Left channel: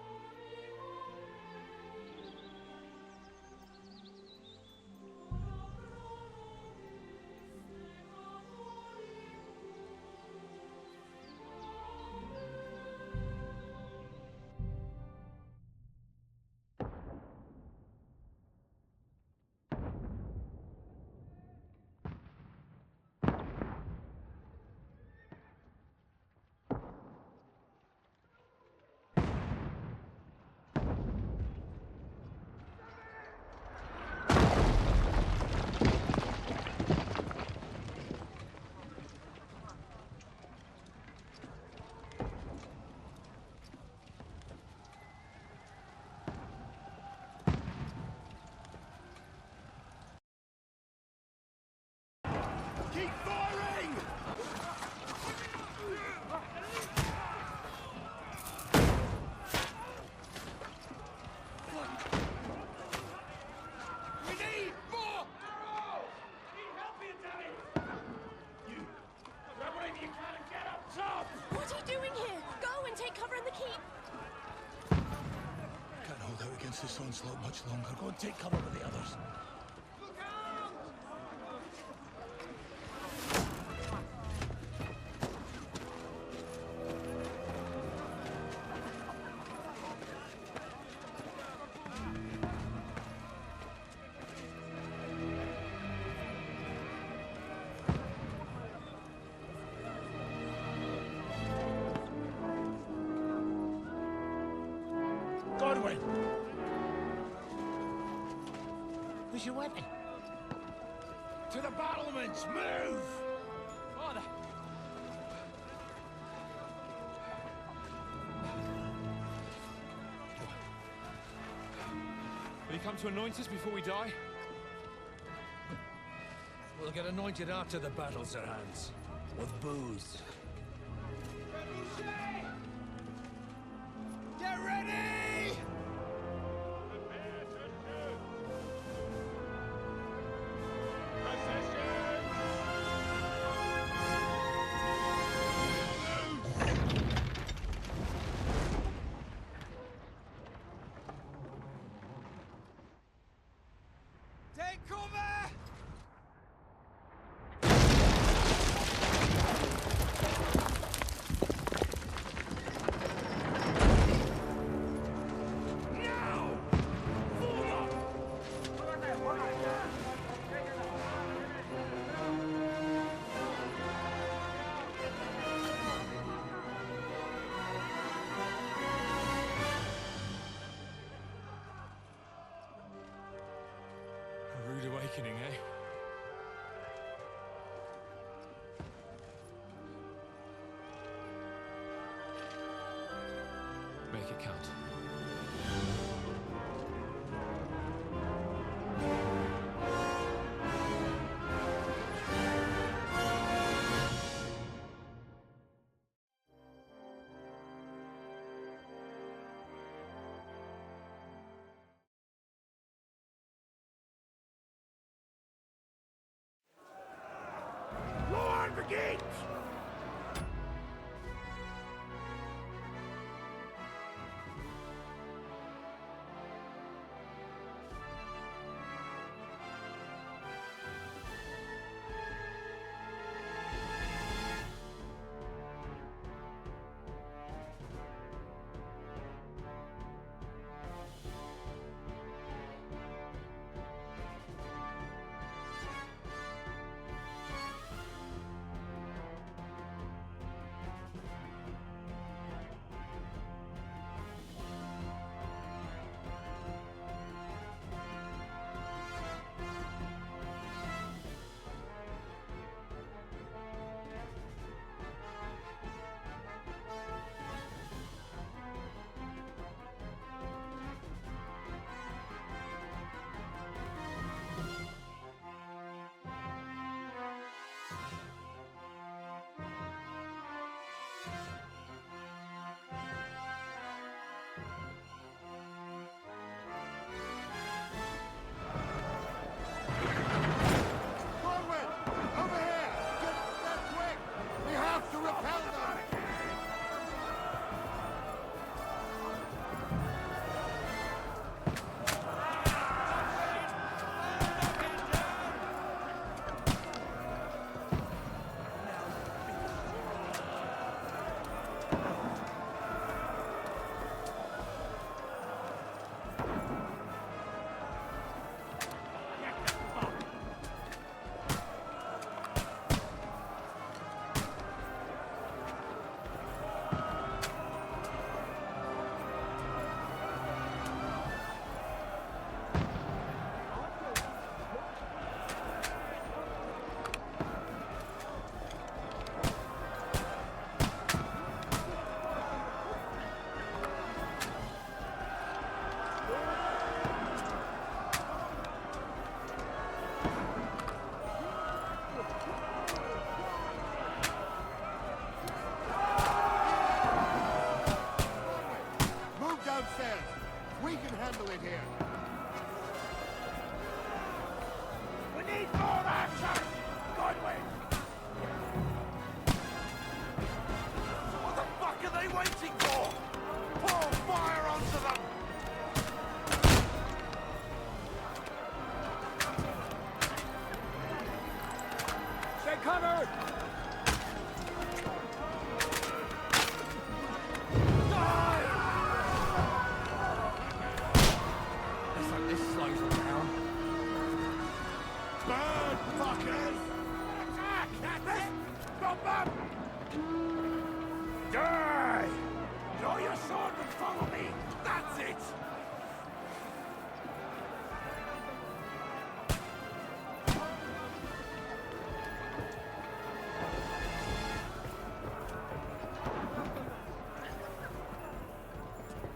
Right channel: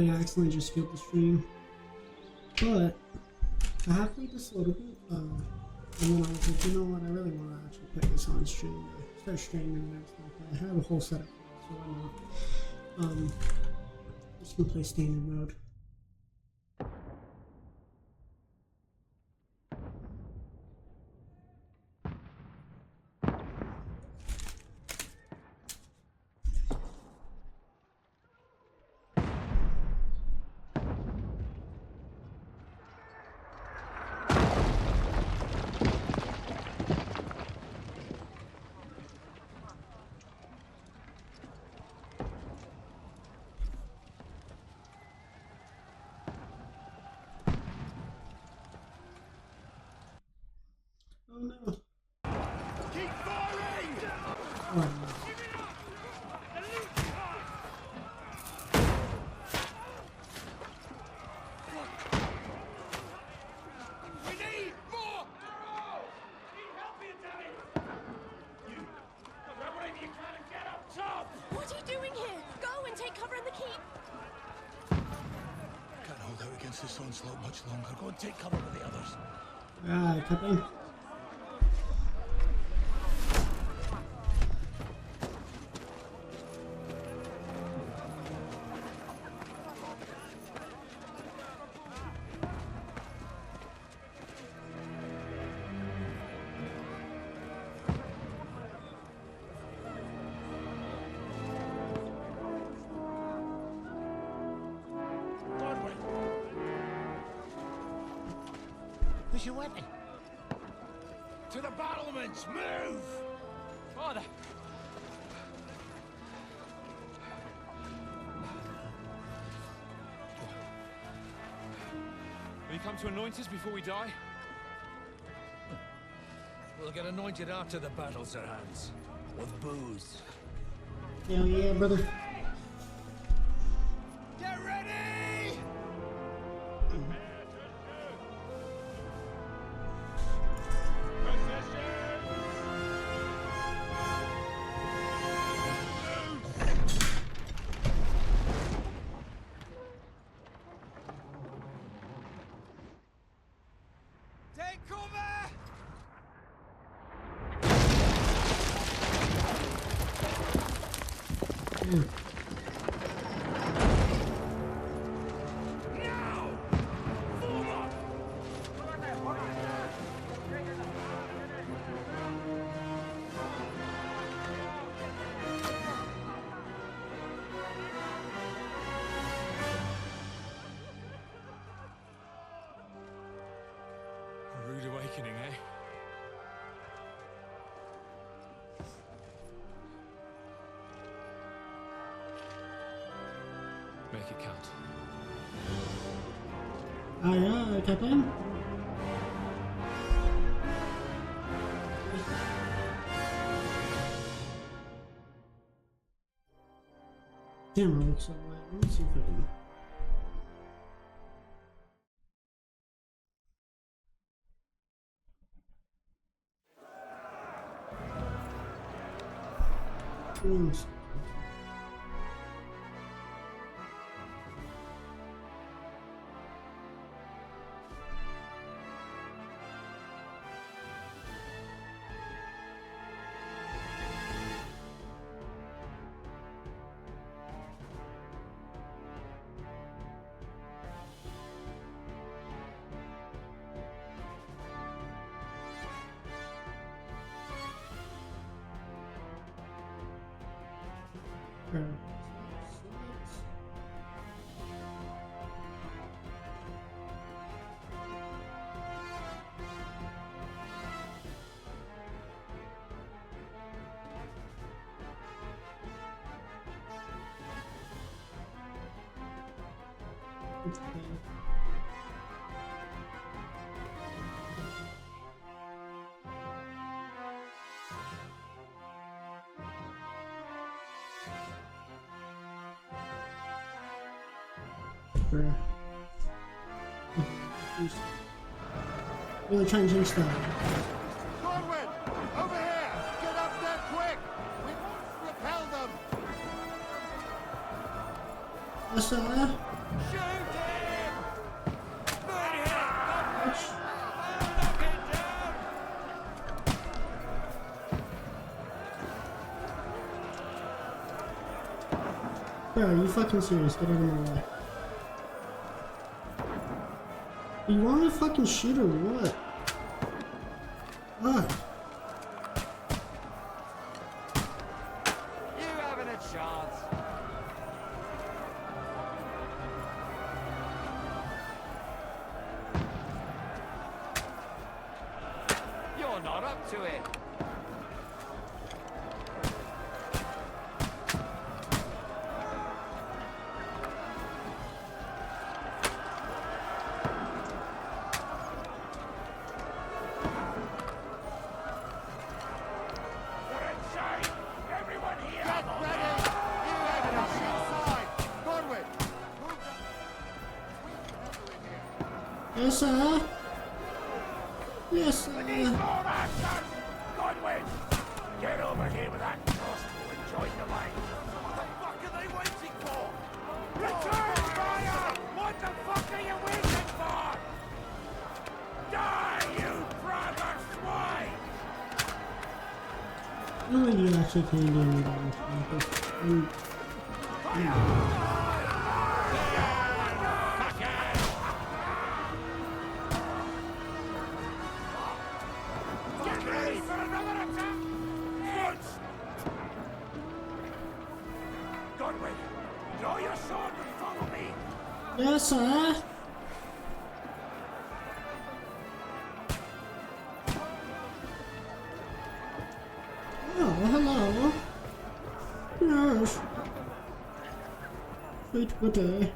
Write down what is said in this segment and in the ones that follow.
I accidentally just skip the stream. But I have played this a little bit, and then I was like, you know what, I really want to actually put this on stream. Start streaming and stuff. I have a whole setup. So, just gonna play standard mode. Keep firing! We need more arrows! Need help here, damn it! You grab whatever you can and get up top! What are you doing here? Go and take cover in the keep. Can't hold out against this onslaught much longer. Go and take cover with the others. Captain. Godwin! Where's your weapon? To the battlements! Move! Father! Will you come to anoint us before we die? We'll get anointed after the battle, Sir Hans. With booze. Hell yeah, brother. Get ready! Take cover! Now! Forward! A rude awakening, eh? Make it count. Alright, Captain. Camera looks alright. Let me see if I can. Lord, the gate! Oops. Really trying to change stuff. Godwin! Over here! Get up there quick! We have to repel them! What's that? Bro, are you fucking serious? Get out of my way. You want me to fucking shoot or what? Ah. You haven't a chance. You're not up to it. Yes, sir. Yes, sir. We need more action! Godwin! Get over here with that! What the fuck are they waiting for? Pour fire onto them! What the fuck are you waiting for? Die, you brothers! Why? They're coming! Oh, you actually can do anything. Yes, sir. Oh, hello. Yes. Wait, good day.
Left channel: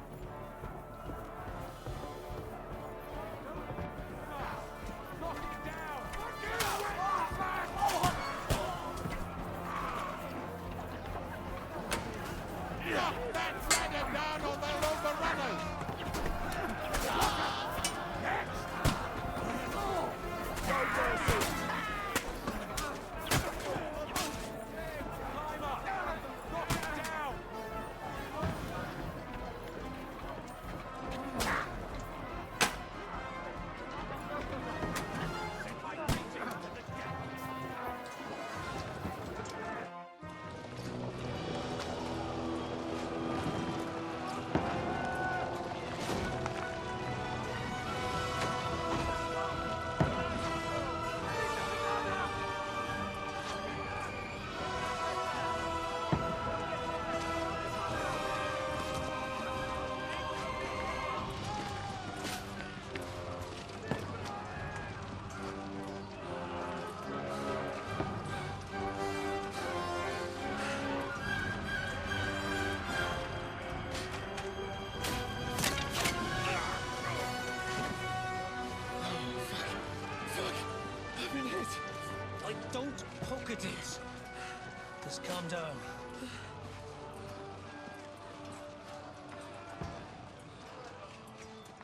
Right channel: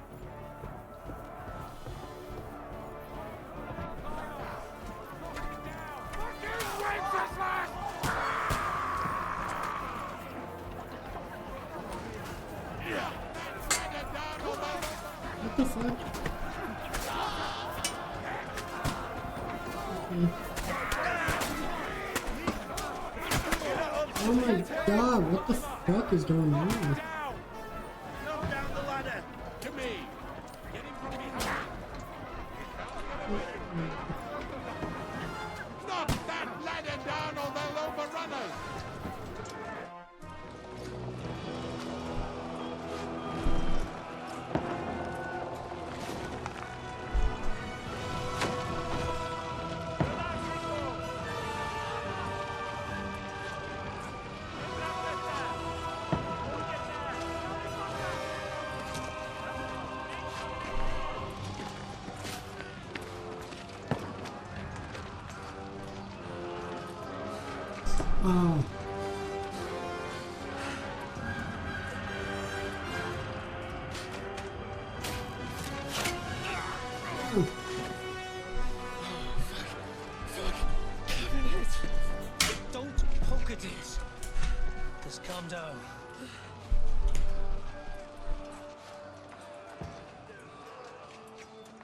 Oh my god, what the fuck is going on? Oh. Don't poke at it. Just calm down.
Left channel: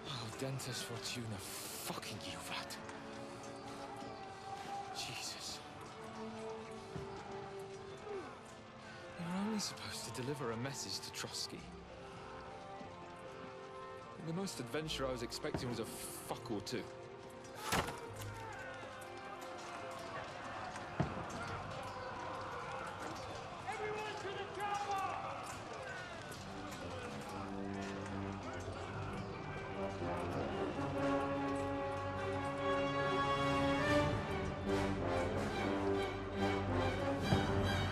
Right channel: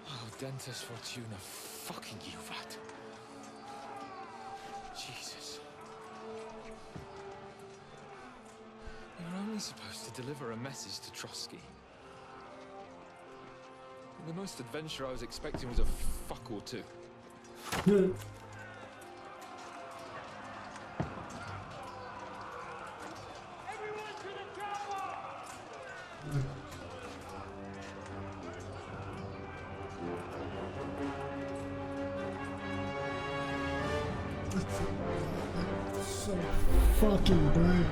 Oh, Dentes Fortuna, fucking you, that. Jesus. You're only supposed to deliver a message to Trotsky. And the most adventure I was expecting was a fuck or two. Everyone to the chopper! So fucking bad.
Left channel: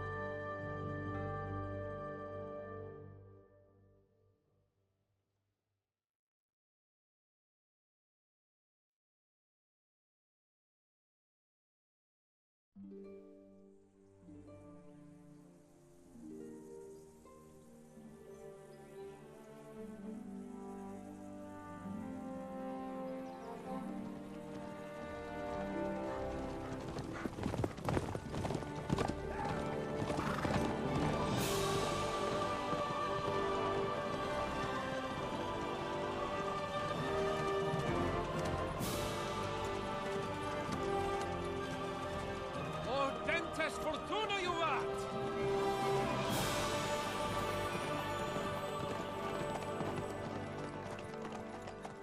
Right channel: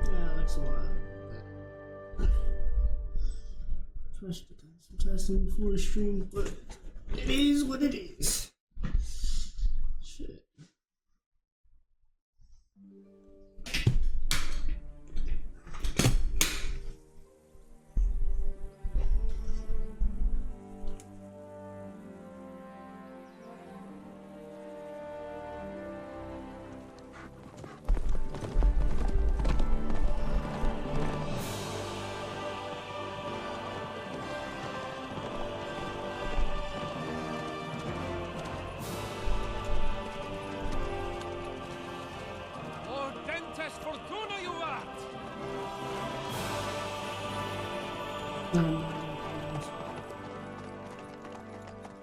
Yeah, that's a lot. Trust the time some testing before the stream, but it is what it is. Shit.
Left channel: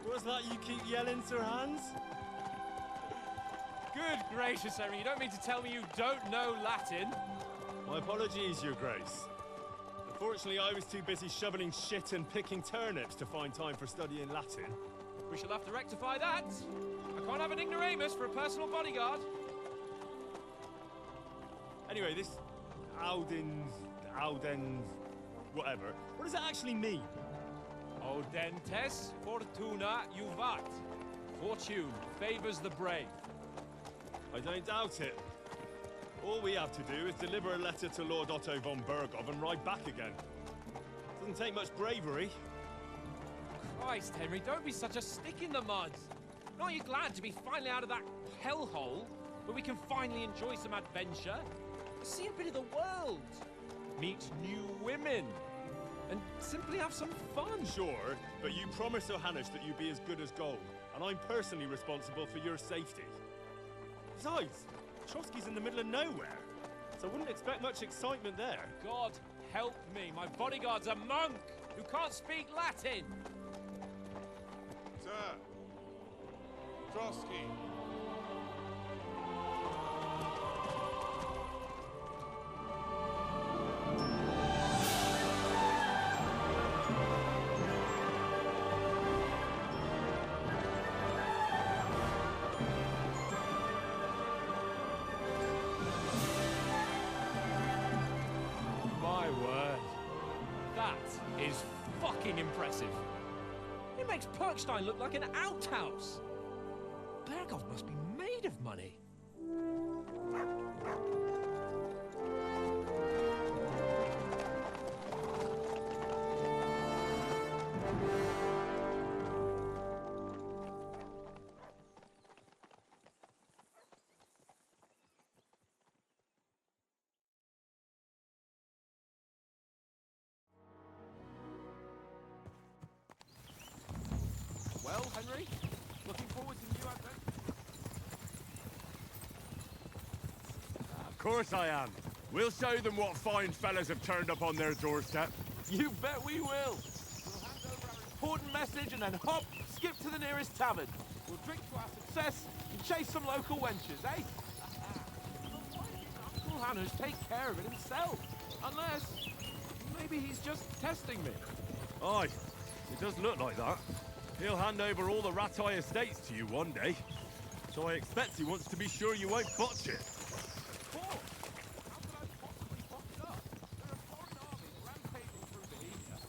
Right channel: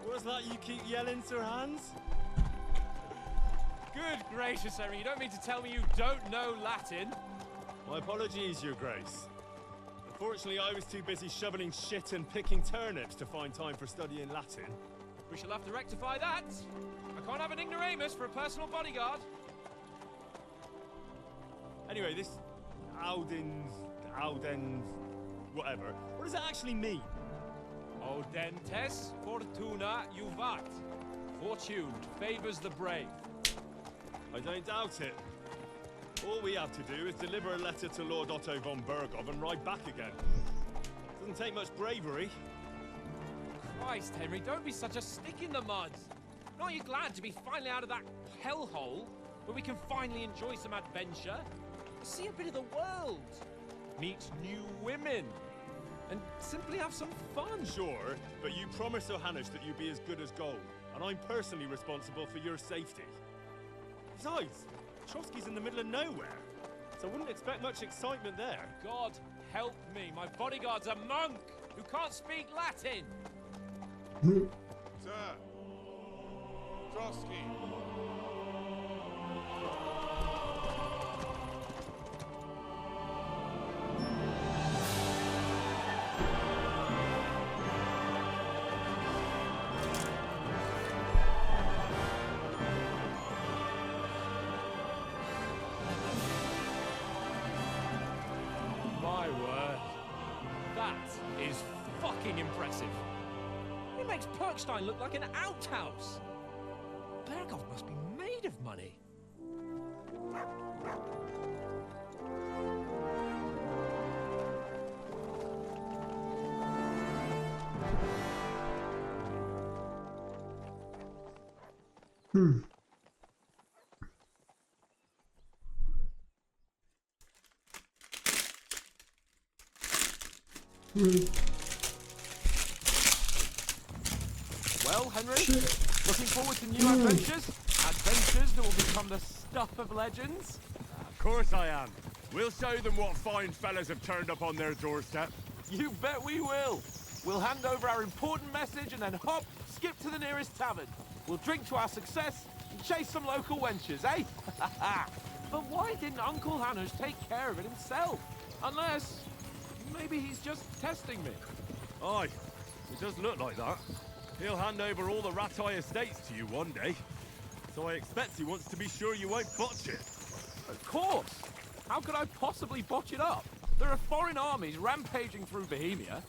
What's that you keep yelling, Sir Hans? Good gracious, Henry, you don't mean to tell me you don't know Latin? My apologies, Your Grace. Unfortunately, I was too busy shoveling shit and picking turnips to find time for studying Latin. We shall have to rectify that. I can't have an ignoramus for a personal bodyguard. Anyway, this Audens, whatever. What does that actually mean? Audentes fortuna juvat. Fortune favors the brave. I don't doubt it. All we have to do is deliver a letter to Lord Otto von Bergov and ride back again. Doesn't take much bravery. Christ, Henry, don't be such a stick in the mud. Aren't you glad to be finally out of that hellhole where we can finally enjoy some adventure? See a bit of the world, meet new women, and simply have some fun. Sure, but you promised Johannes that you'd be as good as gold, and I'm personally responsible for your safety. Besides, Trotsky's in the middle of nowhere, so I wouldn't expect much excitement there. God help me, my bodyguard's a monk who can't speak Latin. Sir. Trotsky. My word. That is fucking impressive. It makes Perkstein look like an outhouse. Bergov must be made of money. Well, Henry, looking forward to new adventures? Adventures that will become the stuff of legends? Of course I am. We'll show them what fine fellas have turned up on their doorstep. You bet we will. We'll hand over our important message and then hop, skip to the nearest tavern. We'll drink to our success and chase some local wenches, eh? But why didn't Uncle Hannes take care of it himself? Unless, maybe he's just testing me. Aye, it does look like that. He'll hand over all the Ratai estates to you one day. So I expect he wants to be sure you won't botch it. Of course. How could I possibly botch it up? There are foreign armies rampaging through Bohemia.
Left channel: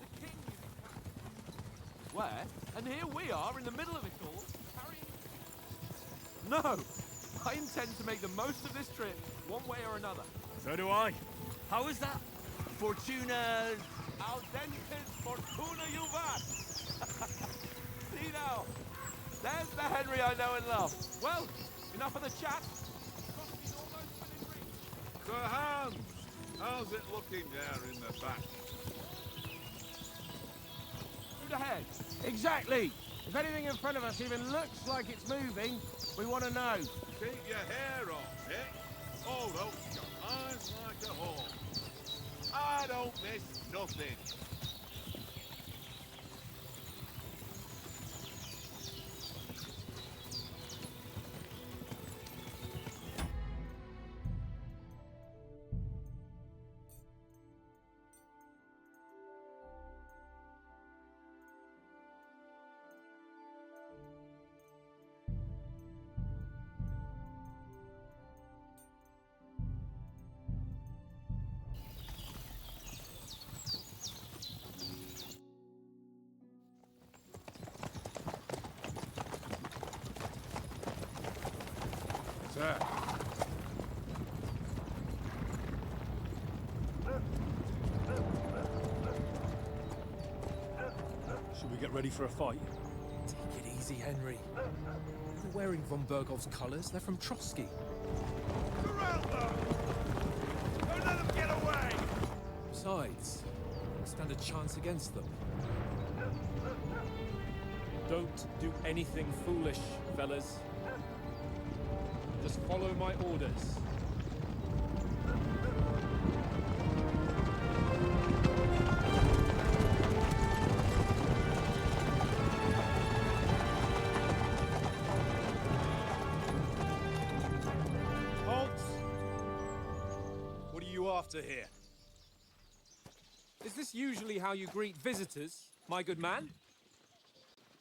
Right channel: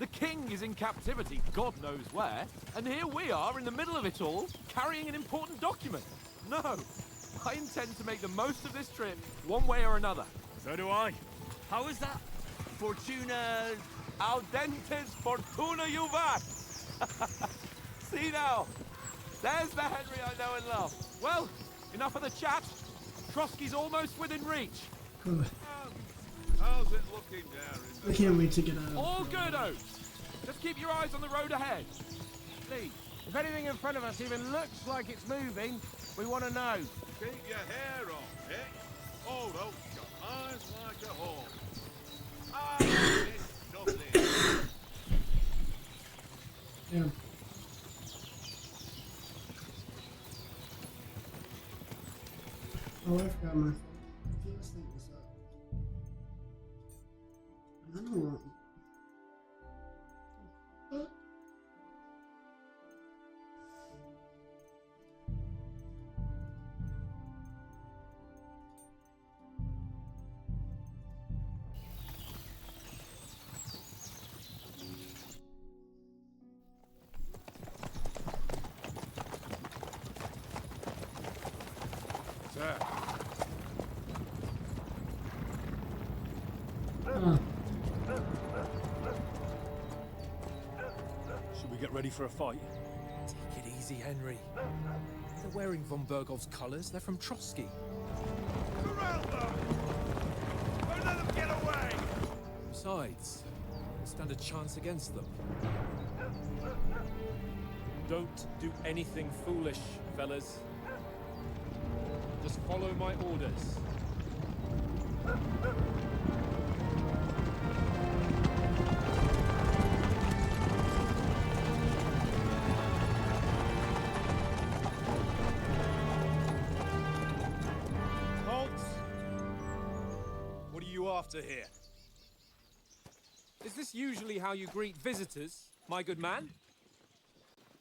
The king is in captivity, God knows where. And here we are in the middle of it all, carrying an important document. No, I intend to make the most of this trip, one way or another. So do I. How is that? Fortuna... Audentes fortuna juvat. See now, there's the Henry I know and love. Well, enough of the chat. Trotsky's almost within reach. Good Hans, how's it looking there in the I can't wait to get out. All good, Oates. Just keep your eyes on the road ahead. Exactly. If anything in front of us even looks like it's moving, we want to know. Keep your hair on, Nick. Oh, those got eyes like a hawk. I don't miss nothing. Yeah. Oh, I've got my... I don't know. Sir. Should we get ready for a fight? Take it easy, Henry. They're wearing von Bergov's colours. They're from Trotsky. Surround them! Don't let them get away! Besides, we'll stand a chance against them. Don't do anything foolish, fellas. Just follow my orders. after here? Is this usually how you greet visitors, my good man?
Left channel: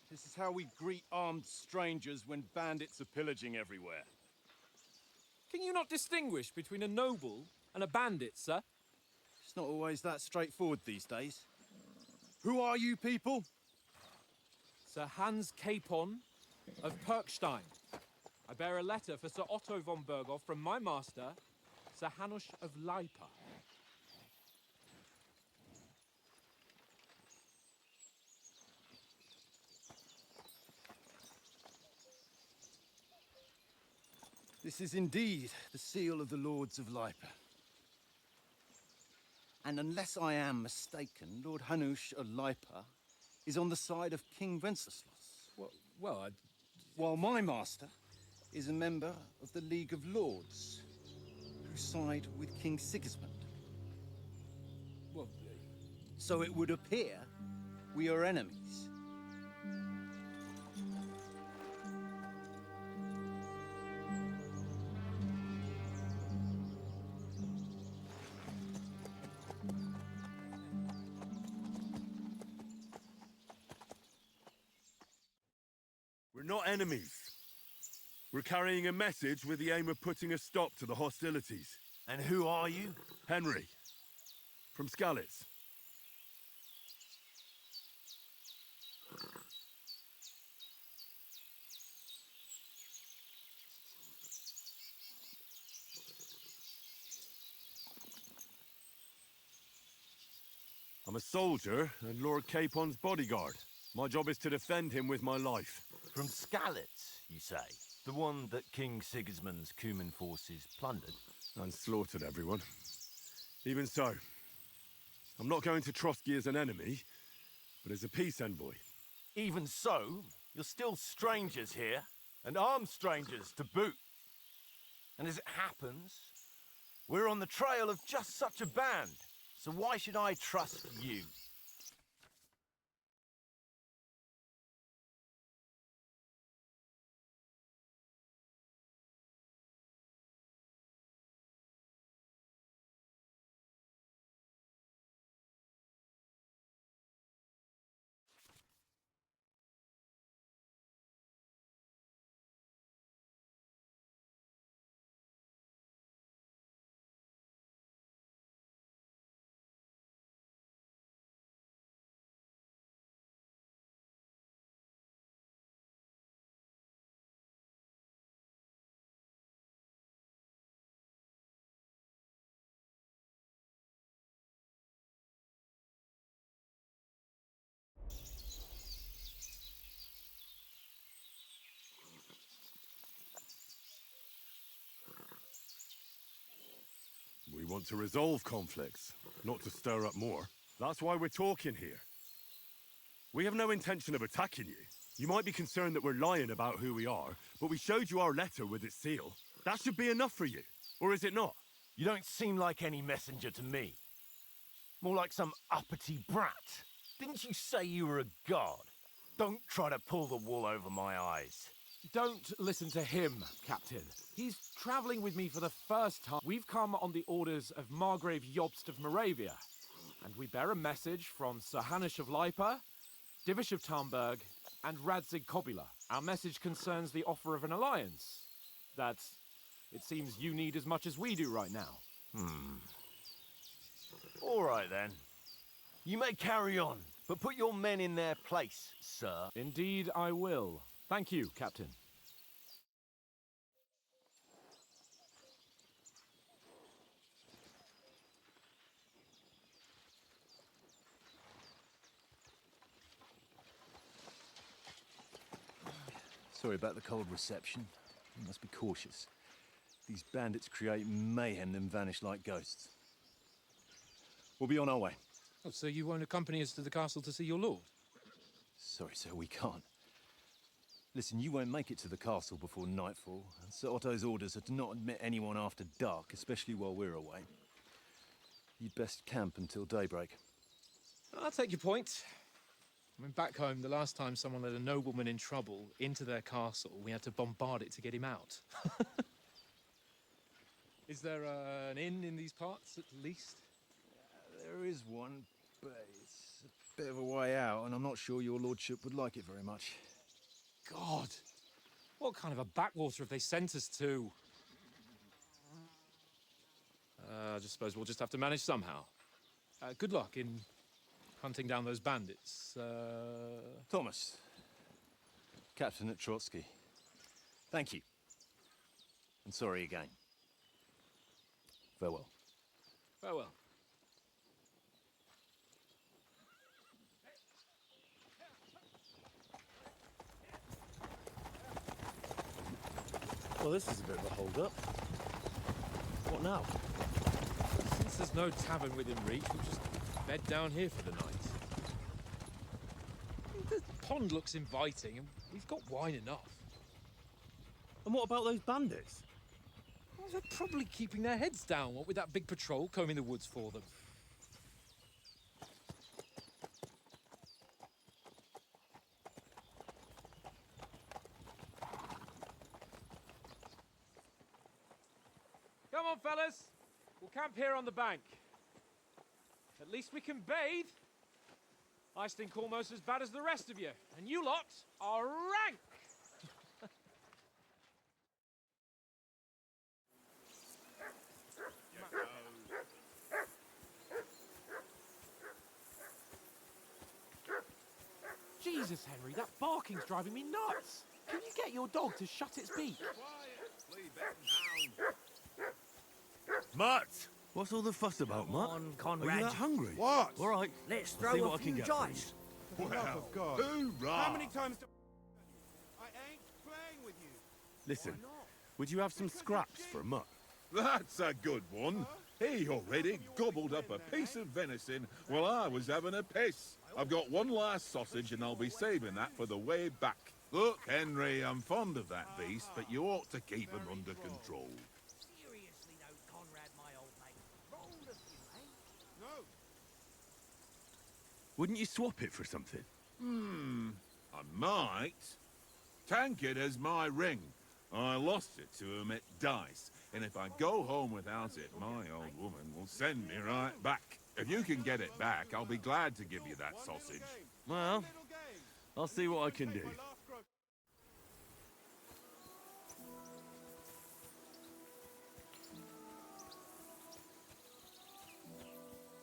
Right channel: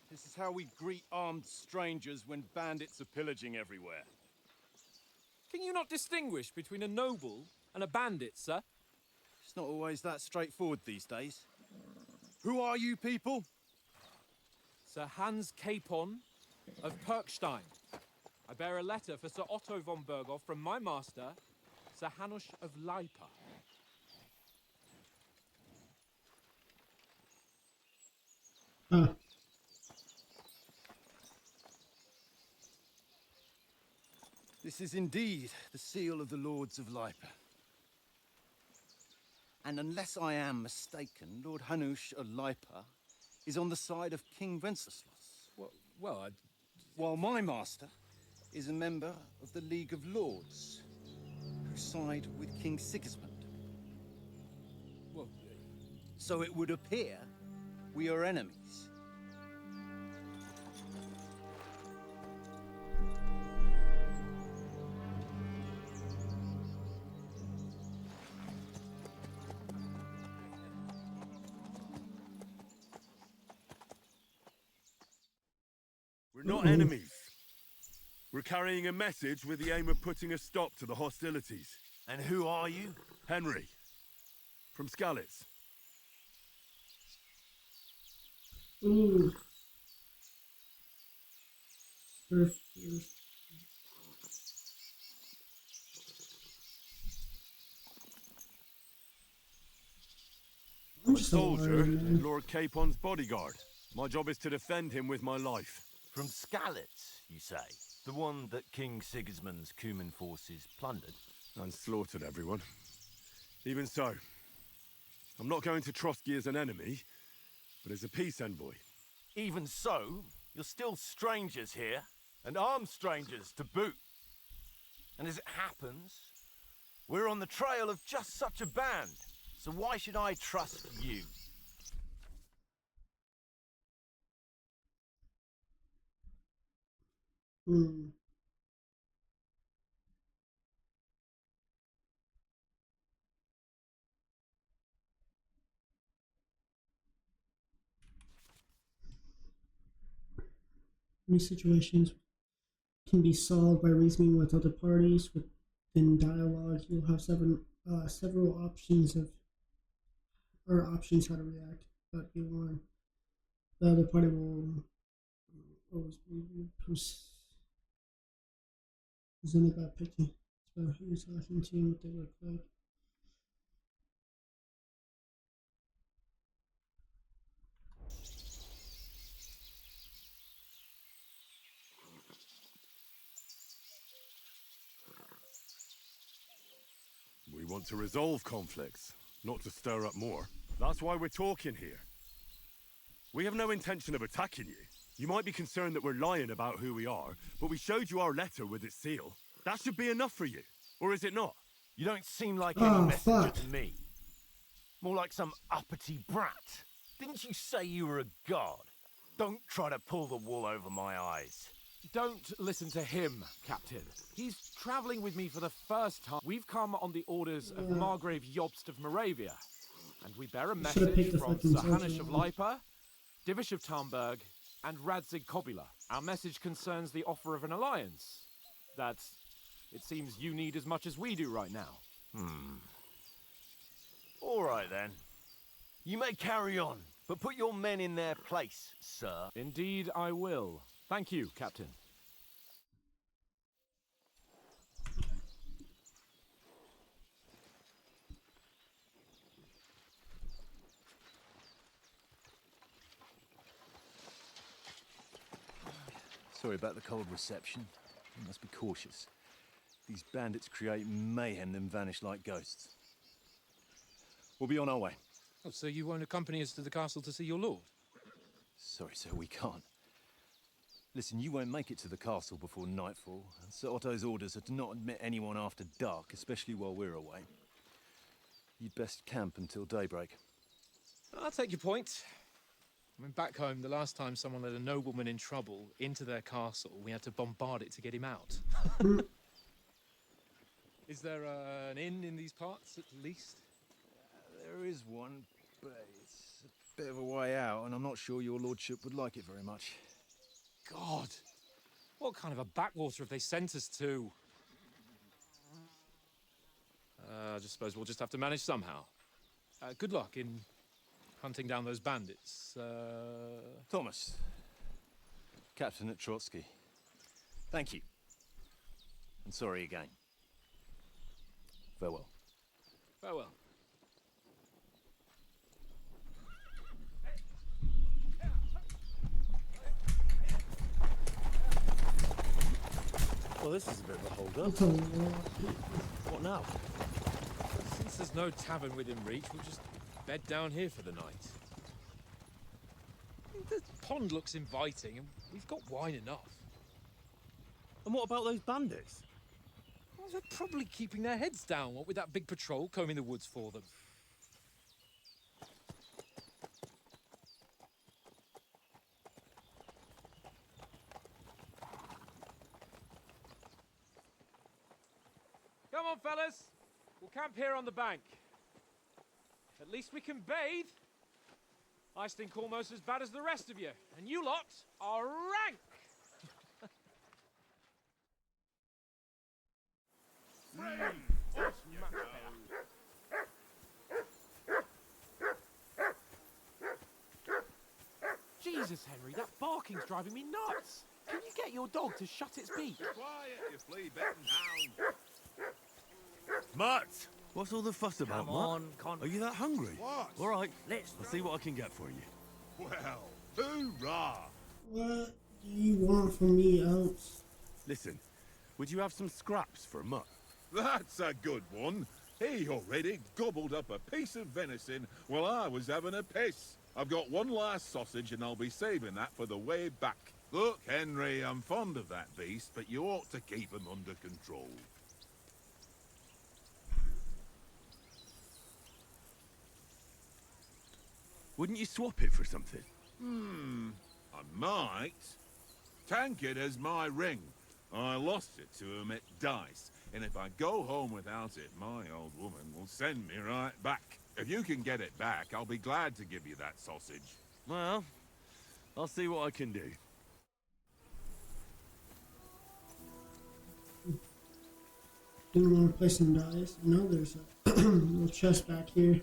This is how we greet armed strangers when bandits are pillaging everywhere. Can you not distinguish between a noble and a bandit, sir? It's not always that straightforward these days. Who are you people? Sir Hans Capon of Perkstein. I bear a letter for Sir Otto von Berghoff from my master, Sir Hanush of Leipa. Ah, This is indeed the seal of the Lords of Leipa. And unless I am mistaken, Lord Hanush of Leipa is on the side of King Wenceslas. Well, While my master is a member of the League of Lords, who side with King Sigismund. well, So it would appear we are enemies. We're not enemies. We're carrying a message with the aim of putting a stop to the hostilities. And who are you? Henry, from Skalitz. ooh. I'm a soldier and Lord Capon's bodyguard. My job is to defend him with my life. From Skalitz, you say? The one that King Sigismund's Cuman forces plundered? And slaughtered everyone. Even so, I'm not going to Trotsky as an enemy, but as a peace envoy. Even so, you're still strangers here, and armed strangers to boot. And as it happens, we're on the trail of just such a band, so why should I trust you? Hmm. These situations can be solved by reasoning with other parties. Within dialogue, you'll have several options options how to react. But you want the other party will always be presented by picking. So who you're talking to and what they look like. We want to resolve conflicts, not to stir up more. That's why we're talking here. We have no intention of attacking you. You might be concerned that we're lying about who we are, but we showed you our letter with its seal. That should be enough for you, or is it not? You don't seem like any Oh, messenger fuck. to me. More like some uppity brat. Didn't you say you were a god? Don't try to pull the wool over my eyes. Don't listen to him, Captain. He's traveling with me for the first time. We've come on the orders of Margrave Jobst of Moravia, and we bear a Should've message picked the from fucking Sir Hanush of sergeant. Leipa, Divish of Tarnberg, and Radzig Kobila. Our message concerns the offer of an alliance that it seems you need as much as we do right now. All right, then. You may carry on, but put your men in their place, sir. Indeed, I will. Thank you, Captain. Sorry about the cold reception. You must be cautious. These bandits create mayhem then vanish like ghosts. We'll be on our way. Oh, so you won't accompany us to the castle to see your lord? Sorry, sir, we can't. Listen, you won't make it to the castle before nightfall, and Sir Otto's orders are to not admit anyone after dark, especially while we're away. You'd best camp until daybreak. I'll take your point. I mean, back home, the last time someone led a nobleman in trouble into their castle, we had to bombard it to get him out. Is there an inn in these parts, at least? There is one, but it's a bit of a way out, and I'm not sure your lordship would like it very much. God! What kind of a backwater have they sent us to? I just suppose we'll just have to manage somehow. Good luck in hunting down those bandits. Thomas, captain at Trotsky. Thank you. And sorry again. Farewell. Farewell. Well, this is a bit of a hold-up. What now? Since there's no tavern within reach, we'll just bed down here for the night. The pond looks inviting, and we've got wine enough. And what about those bandits? Well, they're probably keeping their heads down, what with that big patrol combing the woods for them. Come on, fellas. We'll camp here on the bank. At least we can bathe. I stink almost as bad as the rest of you, and you lot are rank. Jesus, Henry, that barking's driving me nuts. Can you get your dog to shut its beak? Quiet, you flea-bitten hound. Mutt! What's all the fuss about, Come Mutt? on, Conrad. Are you that hungry? What? All right, Let's I'll throw see a what I can few get for you. dice. Well, How hoorah! many times What do you want from me, Oates? Listen, would you have some scraps for Mutt? That's a good one. He already gobbled up a piece of venison while I was having a piss. I've got one last sausage and I'll be saving that for the way back. Look, Henry, I'm fond of that beast, but you ought to keep him under control. Wouldn't you swap it for something? I might. Tankard has my ring. I lost it to him at dice, and if I go home without it, my old woman will send me right back. If you can get it back, I'll be glad to give you that sausage. Well, I'll see what I can do. Didn't want to play some dice. I know there's a little chest back here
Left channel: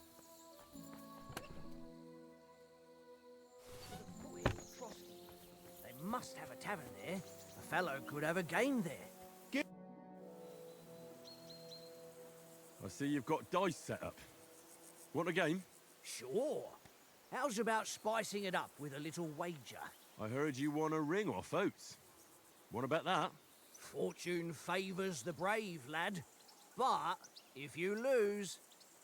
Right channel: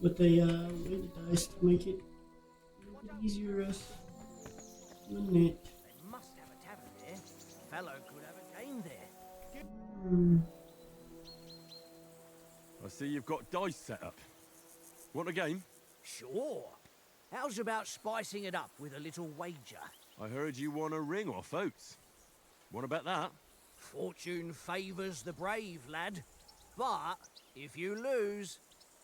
with the dice to make it easier us. Wouldn't it? They must have a tavern there. A fellow could have a game there. I see you've got dice set up. Want a game? Sure. How's about spicing it up with a little wager? I heard you won a ring off Oates. Want to bet that? Fortune favours the brave, lad. But if you lose,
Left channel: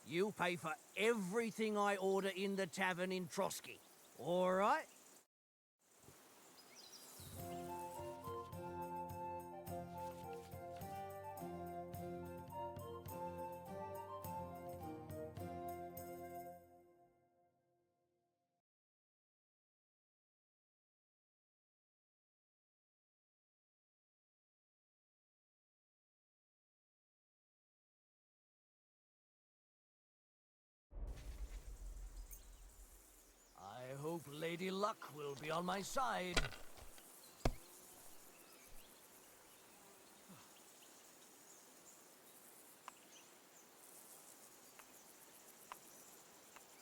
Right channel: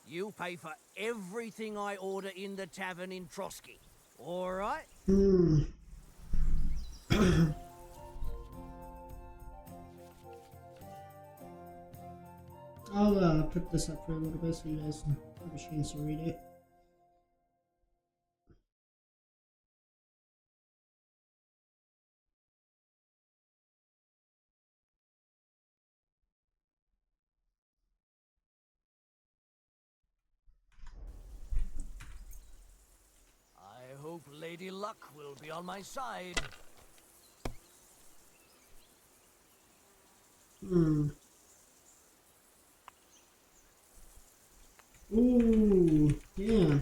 you'll pay for everything I order in the tavern in Trotsky. All right? I'll put this up for a little bit so you guys have a chance to read it. I hope Lady Luck will be on my side. Ooh, yeah.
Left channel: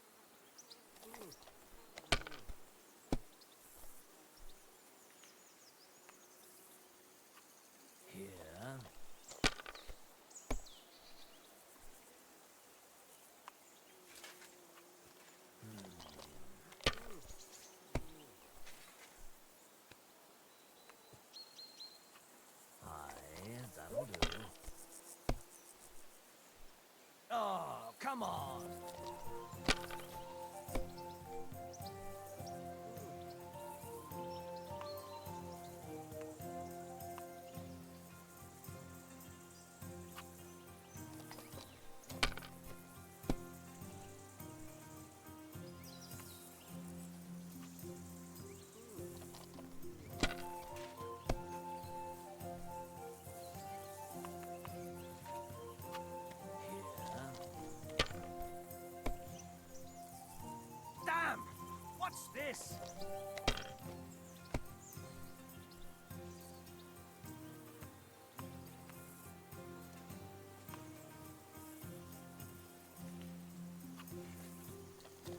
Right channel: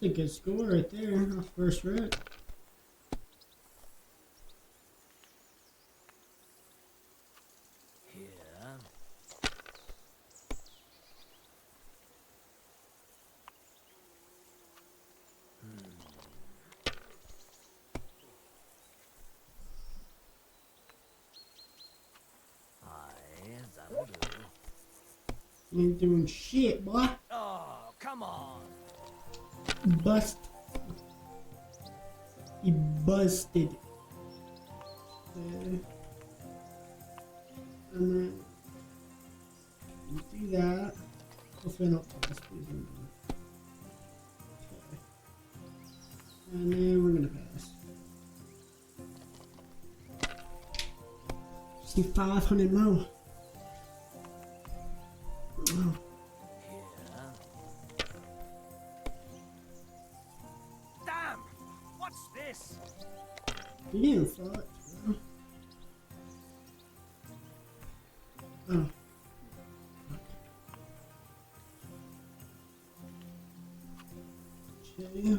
That's a good score right there. First rep. Here. That'll do. You ain't doing shit, boy. Oh, come on. Bust. He busted. And then you do that. Hopefully not pass these in. And then we're gonna pass. me 500 more. Oh. Damn! What's this? You thought. Oh. Okay.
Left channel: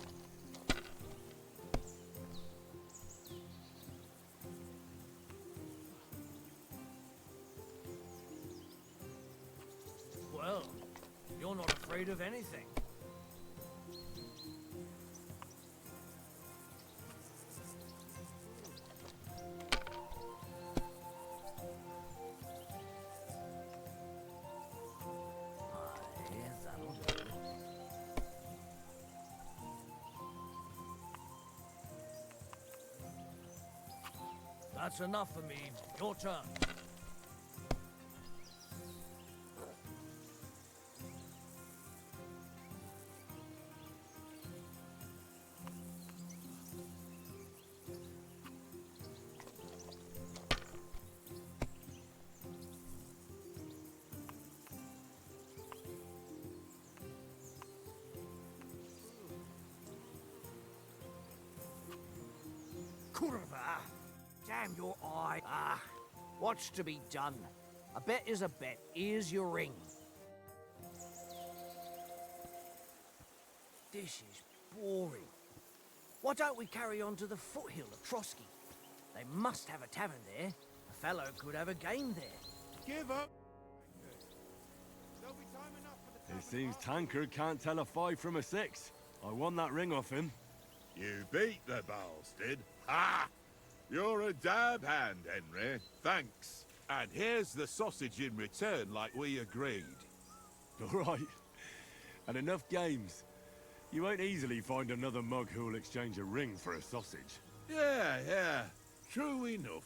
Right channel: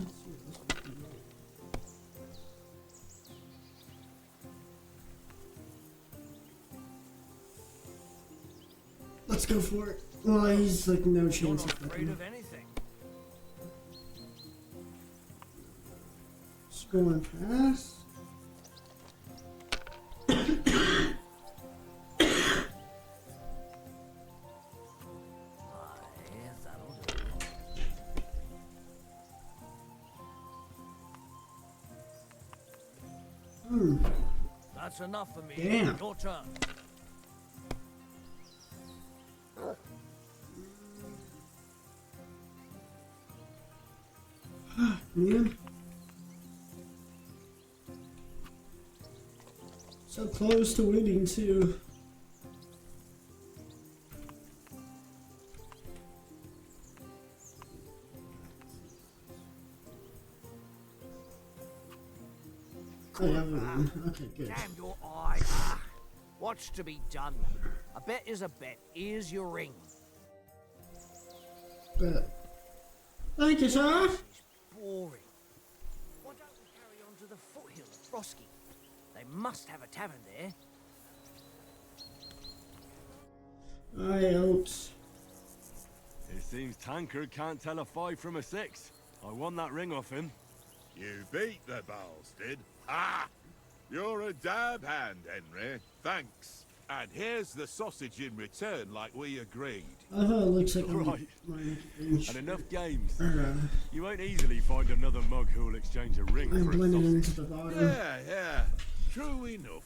Let's go for it. Well, he's like no chance. You're not afraid of anything. Scrolling past. That'll do. That's enough for me. Damn. Your turn. Man. So close to winning too. Ah, Okay, good. damn your eye. Ah, what's to be done? A bet is a bet. Here's your ring. Thank you, sir. This is boring. Why don't we carry on to the foothill of Trotsky? They must have a tavern there. The fellow could have a game there. Give up. I out. It seems Tankard can't tell a 5 from a 6. I won that ring off him. You beat the bastard. Ha! You're a dab hand, Henry. Thanks. And here's the sausage in return, like we agreed. I thought it looks like Right. my And enough games. or, You won't easily find another mug who'll exchange a ring I'm for a blending into sausage. the bottom. Yeah. True enough.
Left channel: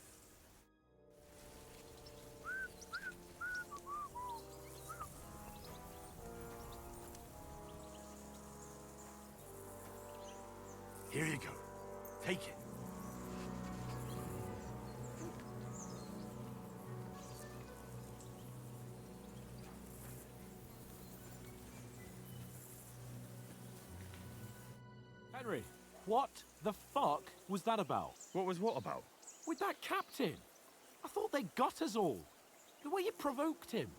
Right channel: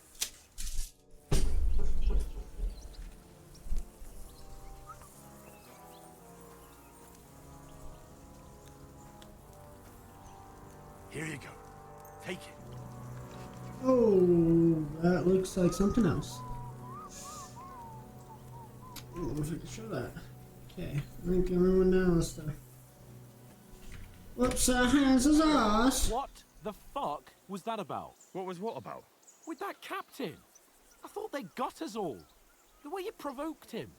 Here you go. Take it. Oh, that looks like something else. I don't know if I can show that. Okay, I think everyone now is the. Whoops, hands is us. What the fuck was that about? What was what about? With that captain? I thought they got us all. The way you provoked him.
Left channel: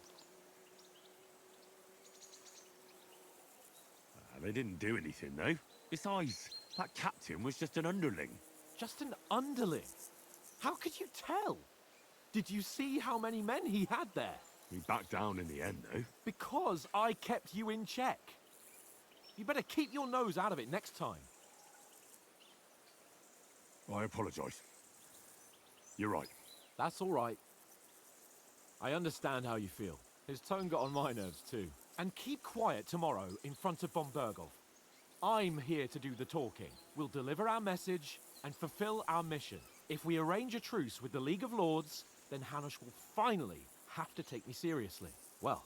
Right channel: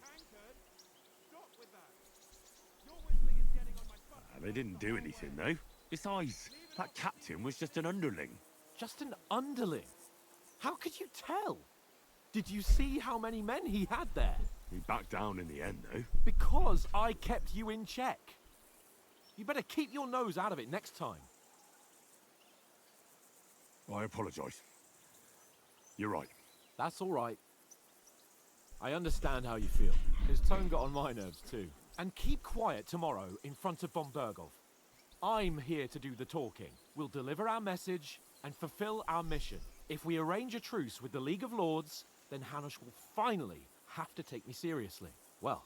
They didn't do anything, though. Besides, that captain was just an underling. Just an underling? How could you tell? Did you see how many men he had there? We backed down in the end, though. Because I kept you in check. You better keep your nose out of it next time. I apologise. You're right. That's all right. I understand how you feel. His tone got on my nerves too. And keep quiet tomorrow in front of von Berghoff. I'm here to do the talking. We'll deliver our message and fulfill our mission. If we arrange a truce with the League of Lords, then Hanush will finally have to take me seriously. Well,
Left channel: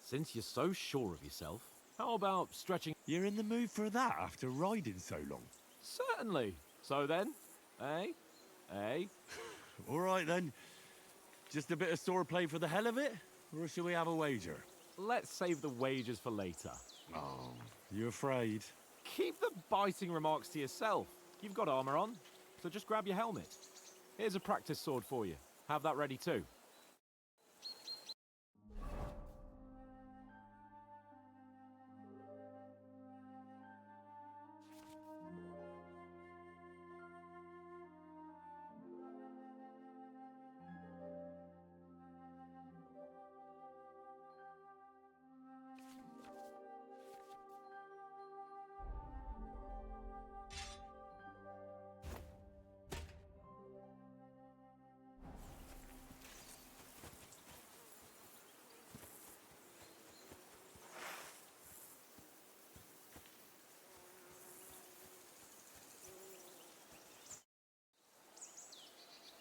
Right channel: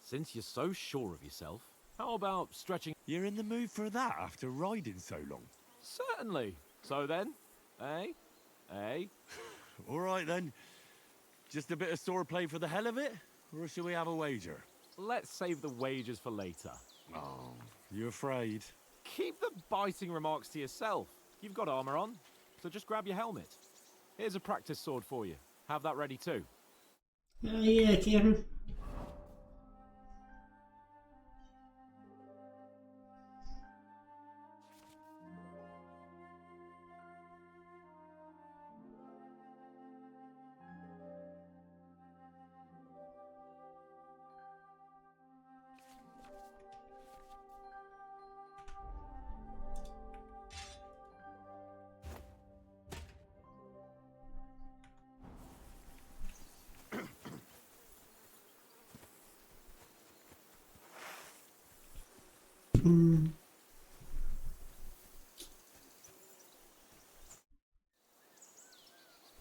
since you're so sure of yourself, how about stretching... You're in the mood for that after riding so long? Certainly. So then, eh? All right, then. Just a bit of swordplay for the hell of it? Or shall we have a wager? Let's save the wagers for later. Oh, you afraid? Keep the biting remarks to yourself. You've got armor on, so just grab your helmet. Here's a practice sword for you. Have that ready too. Yeah, Kevin.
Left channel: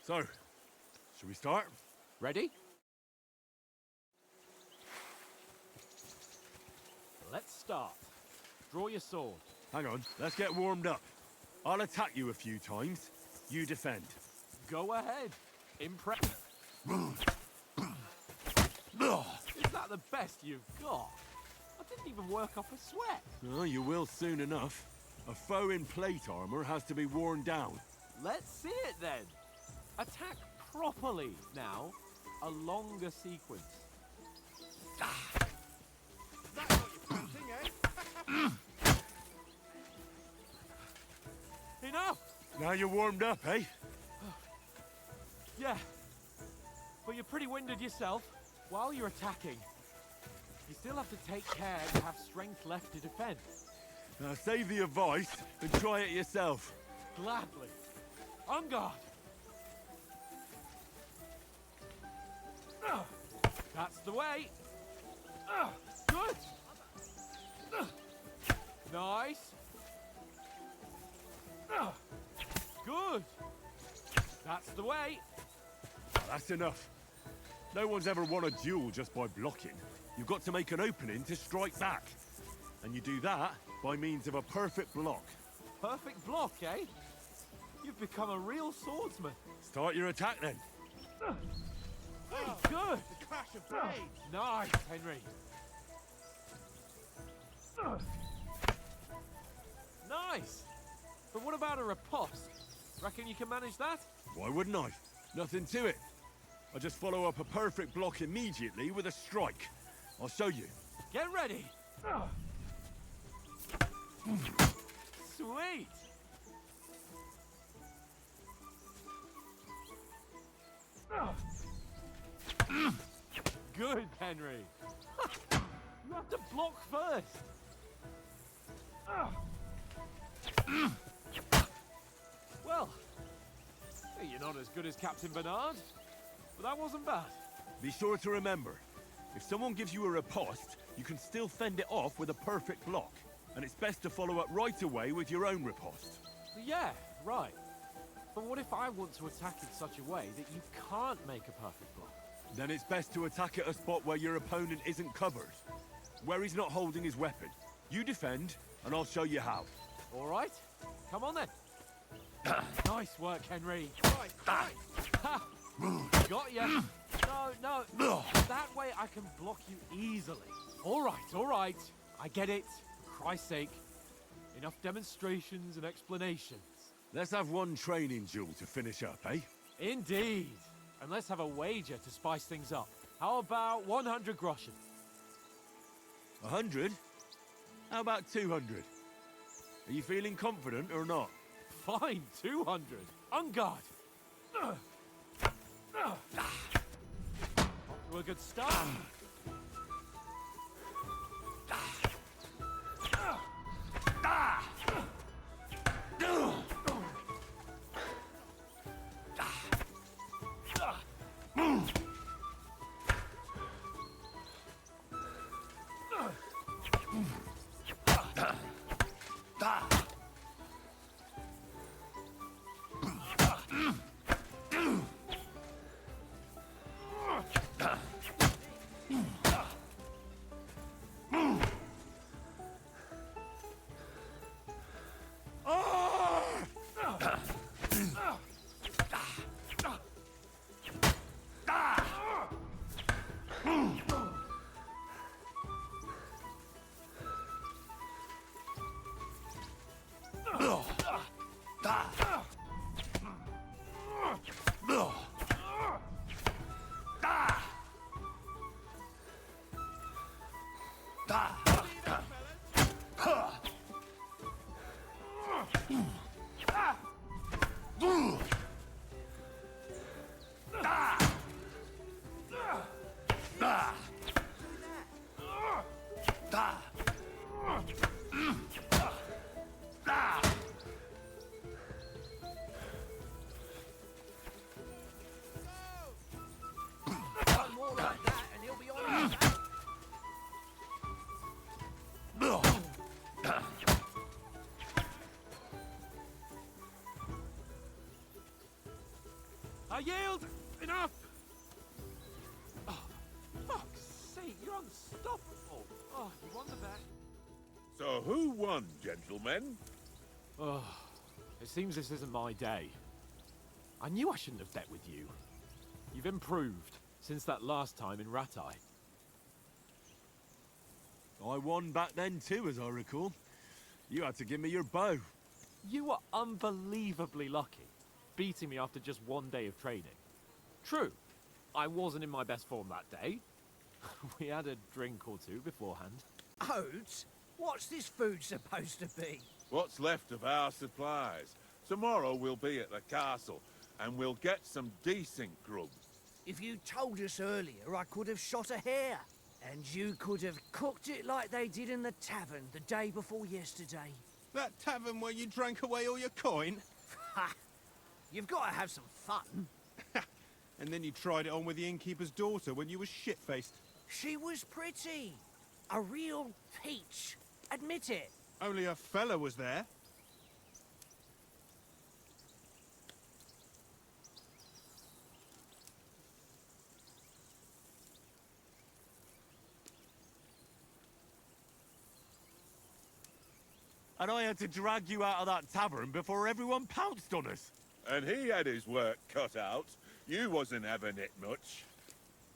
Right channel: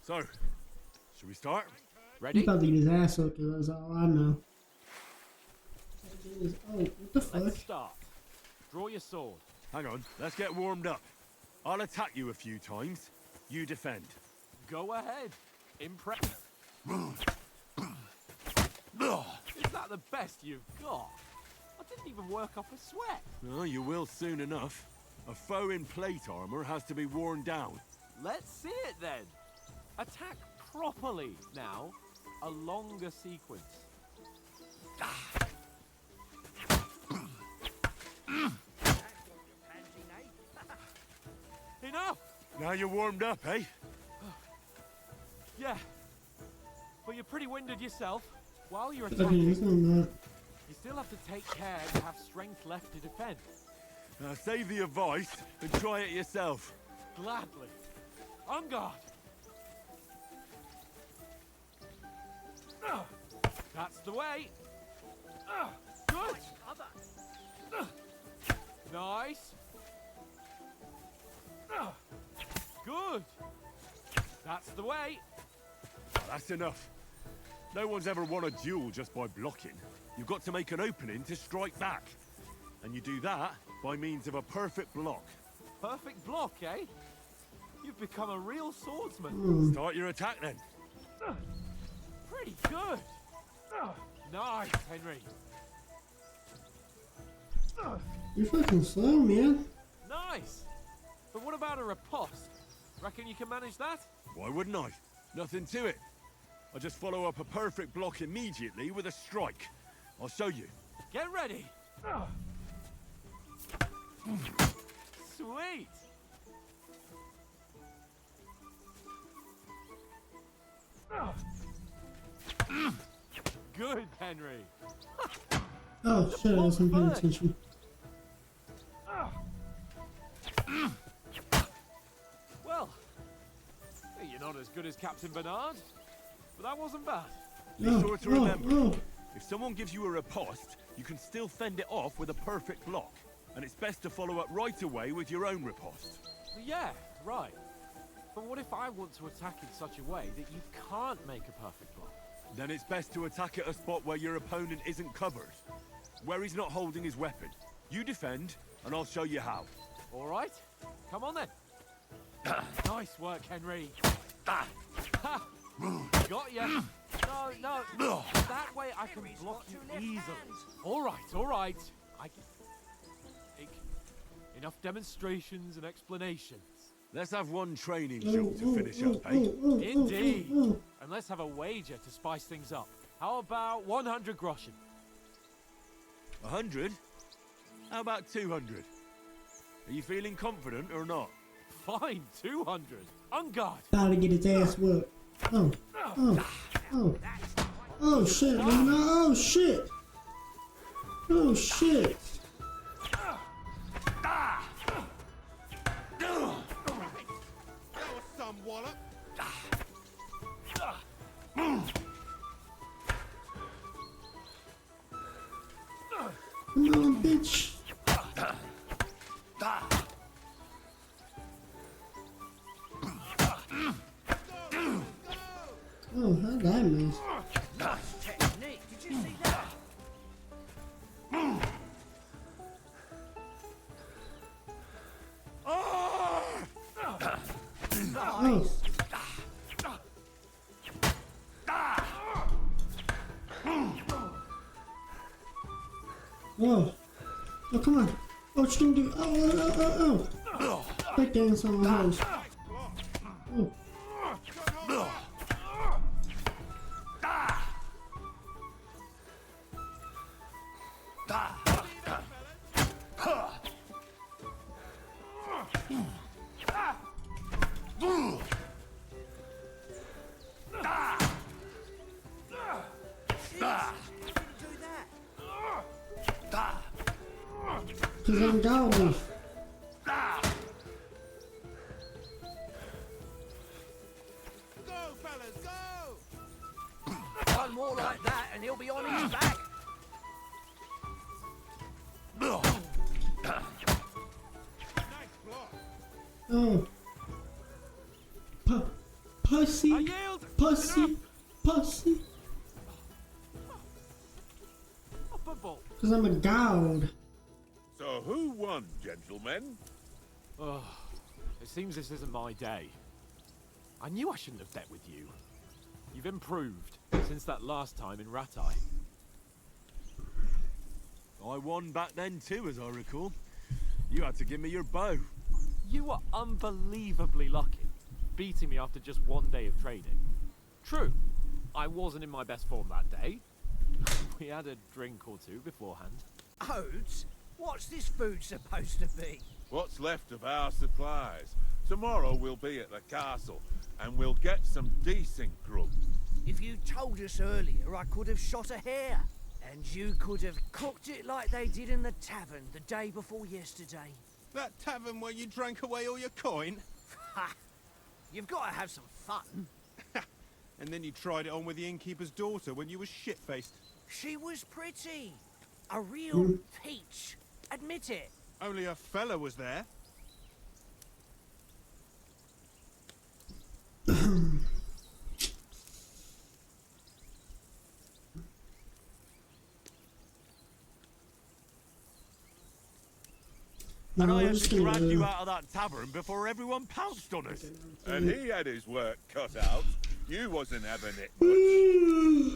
So, should we start? He Ready? probably get his ass hooked, that's all I know. Oh, what the fuck? Let's start. Draw your sword. Hang on, let's get warmed up. I'll attack you a few times. You defend. Go ahead. Impress. Is that the best you've got? I didn't even work off a sweat. Oh, you will soon enough. A foe in plate armor has to be worn down. Let's see it then. Attack properly now. A longer sequence. Enough! Now you're warmed up, eh? Yeah. But you're pretty winded yourself. While you're Okay, attacking, this one, you still have to take care to have strength left to defend. Now save the advice and try it yourself. Gladly. On guard. That's the way. Good. Nice. Good. That's the way. That's enough. No one's ever won a duel just by blocking. You've got to make an opening to strike back. And you do that by means of a perfect block. Perfect block, eh? You've become a real swordsman. Start your attack then. Pretty good. Nice, Henry. you're fucking slow, man. Nice. But what about a riposte? Reckon you can manage that? Why wouldn't I? Nothing to it. I just follow up a perfect block immediately with a strike. I'll show you. Get ready. Sweet. Good, Henry. Oh shit, I wasn't paying attention. Well, you're not as good as Captain Bernard, but that wasn't bad. Be sure to remember, if someone gives you a riposte, you can still fend it off with a perfect block. And it's best to follow up right away with your own riposte. Yeah, right. But what if I want to attack in such a way that you can't make a perfect block? Then it's best to attack at a spot where your opponent isn't covered. Where he's not holding his weapon. You defend, and I'll show you how. All right. Come on then. Nice work, Henry. Ha! Got ya. No. That way I can block you easily. All right. I get it. For Christ's sake. Enough demonstrations and explanations. Let's have one training duel to finish up, eh? Indeed. And let's have a wager to spice things up. How about 100 groschen? 100? How about 200? Are you feeling confident or not? Fine, 200. On guard. About to get his ass whooped. Oh shit, man. Oh shit. Oh shit. Come on, bitch. Oh, how'd that miss? Whoa. Oh, come on. Oh, what you gonna do? Oh. That dance on my house. Oh. He's in down. One more like that and he'll be on his back. Oh. Pussy. I yield. Pussy. Enough. Pussy. Fuck's sake, you're unstoppable. Because I'm a god. So who won, gentlemen? Oh, it seems this isn't my day. I knew I shouldn't have bet with you. You've improved since that last time in Ratai. I won back then too, as I recall. You had to give me your bow. You were unbelievably lucky, beating me after just one day of training. True, I wasn't in my best form that day. We had a drink or two beforehand. Oats? What's this food supposed to be? What's left of our supplies. Tomorrow we'll be at the castle, and we'll get some decent grub. If you told us earlier, I could have shot a hare. And you could have cooked it like they did in the tavern the day before yesterday. That tavern where you drank away all your coin? Ha! You've got to have some fun. And then you tried it on with the innkeeper's daughter when you were shit-faced. She was pretty. A real peach. Admit it. Only a fella was there. And I had to drag you out of that tavern before everyone pounced on us. And he had his work cut out. You wasn't having it much.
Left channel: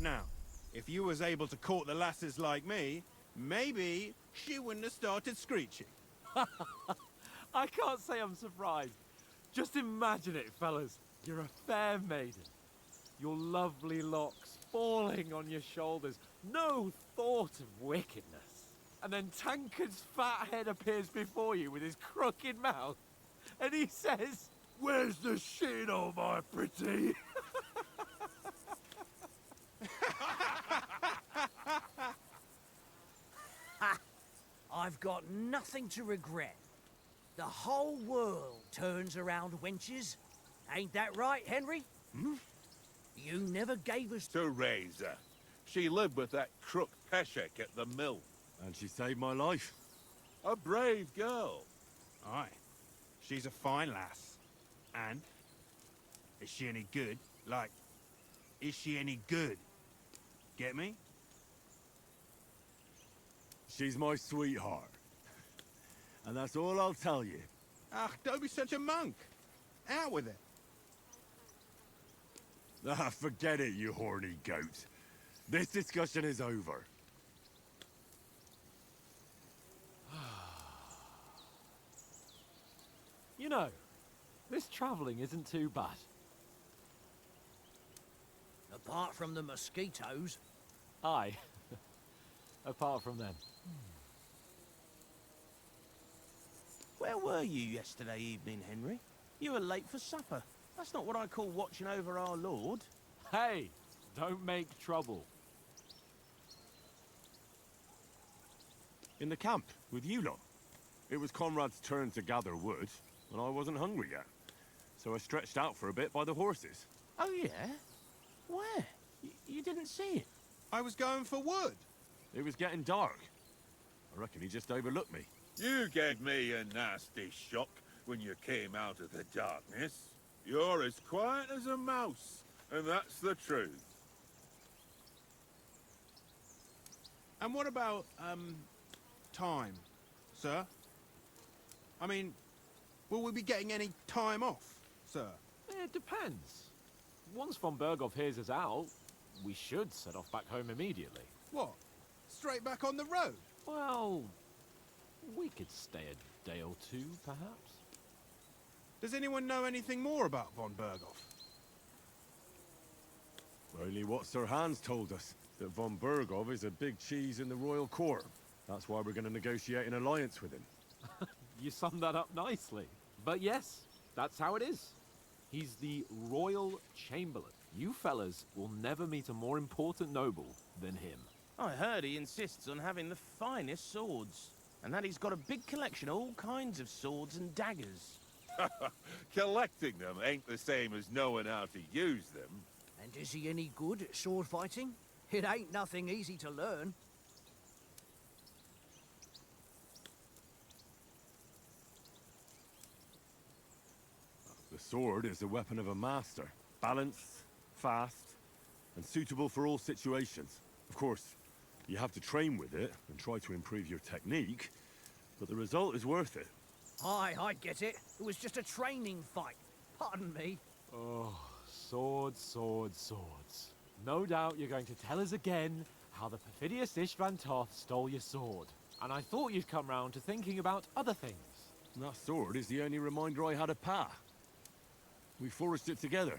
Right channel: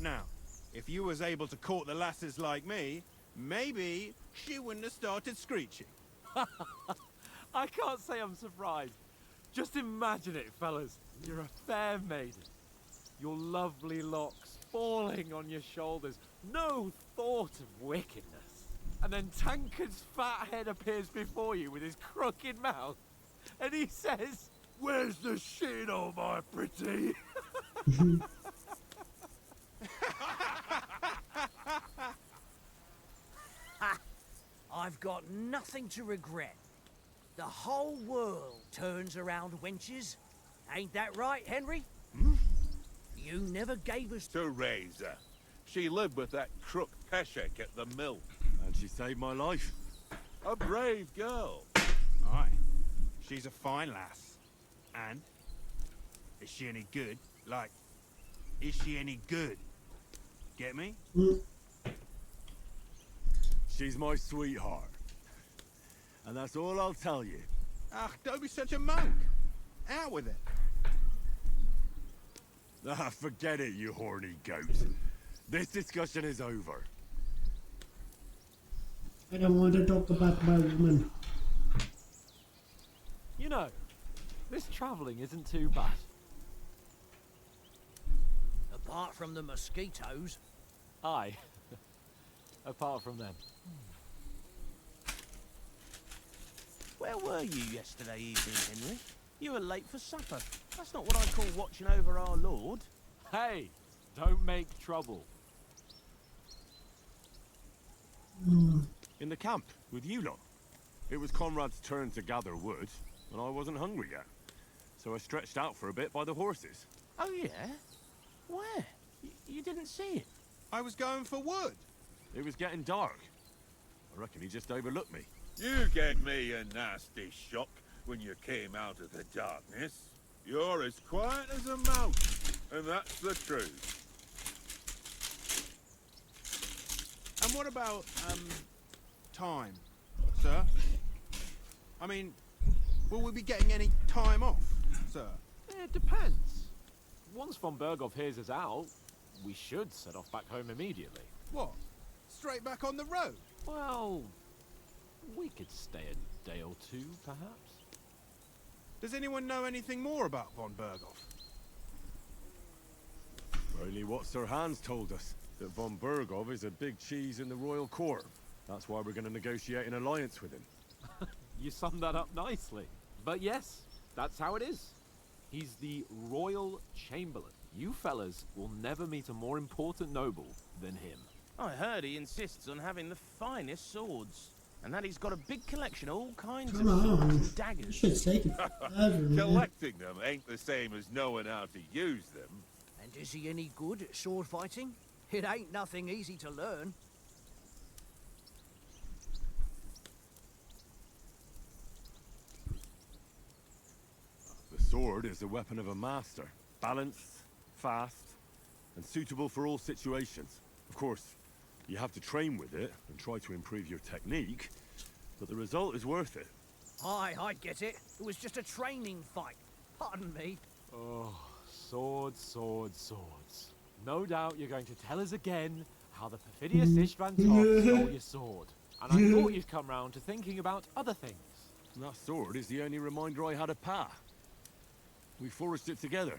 Now, if you was able to court the lasses like me, maybe she wouldn't have started screeching. I can't say I'm surprised. Just imagine it, fellas. You're a fair maiden. Your lovely locks falling on your shoulders. No thought of wickedness. And then Tankard's fat head appears before you with his crooked mouth. And he says, "Where's the shit, oh my pretty?" I've got nothing to regret. The whole world turns around wenches. Ain't that right, Henry? You never gave us... To raise her. She lived with that crook Peshek at the mill. And she saved my life. A brave girl. Aye. She's a fine lass. And? Is she any good? Like, is she any good? Get me? She's my sweetheart. And that's all I'll tell you. Ah, don't be such a monk. Out with it. Ah, forget it, you horny goat. This discussion is over. I don't want to talk about my woman. You know, this travelling isn't too bad. Apart from the mosquitoes. Aye. Apart from them. Where were you yesterday evening, Henry? You were late for supper. That's not what I call watching over our lord. Hey, don't make trouble. In the camp, with you lot. It was Conrad's turn to gather wood, and I wasn't hungry yet. So I stretched out for a bit by the horses. Oh, yeah? Where? You didn't see it? I was going for wood. It was getting dark. I reckon he just overlooked me. You gave me a nasty shock when you came out of the darkness. You're as quiet as a mouse, and that's the truth. And what about, time, sir? I mean, will we be getting any time off, sir? It depends. Once von Berghoff hears us out, we should set off back home immediately. What? Straight back on the road? Well, we could stay a day or two, perhaps. Does anyone know anything more about von Berghoff? Only what Sir Hans told us, that von Berghoff is a big cheese in the royal court. That's why we're going to negotiate an alliance with him. You summed that up nicely. But yes, that's how it is. He's the Royal Chamberlain. You fellas will never meet a more important noble than him. I heard he insists on having the finest swords. And that he's got a big collection of all kinds of swords and daggers. Shit's taken forever, man. Collecting them ain't the same as knowing how to use them. And is he any good at sword fighting? It ain't nothing easy to learn. The sword is the weapon of a master. Balanced, fast, and suitable for all situations. Of course, you have to train with it and try to improve your technique, but the result is worth it. Aye, I get it. It was just a training fight. Pardon me. Oh, Swords, swords, swords. No doubt you're going to tell us again how the perfidious Istvan Toth stole your sword. And I thought you'd come round to thinking about other things. That sword is the only reminder I had of Pa. We forged it together,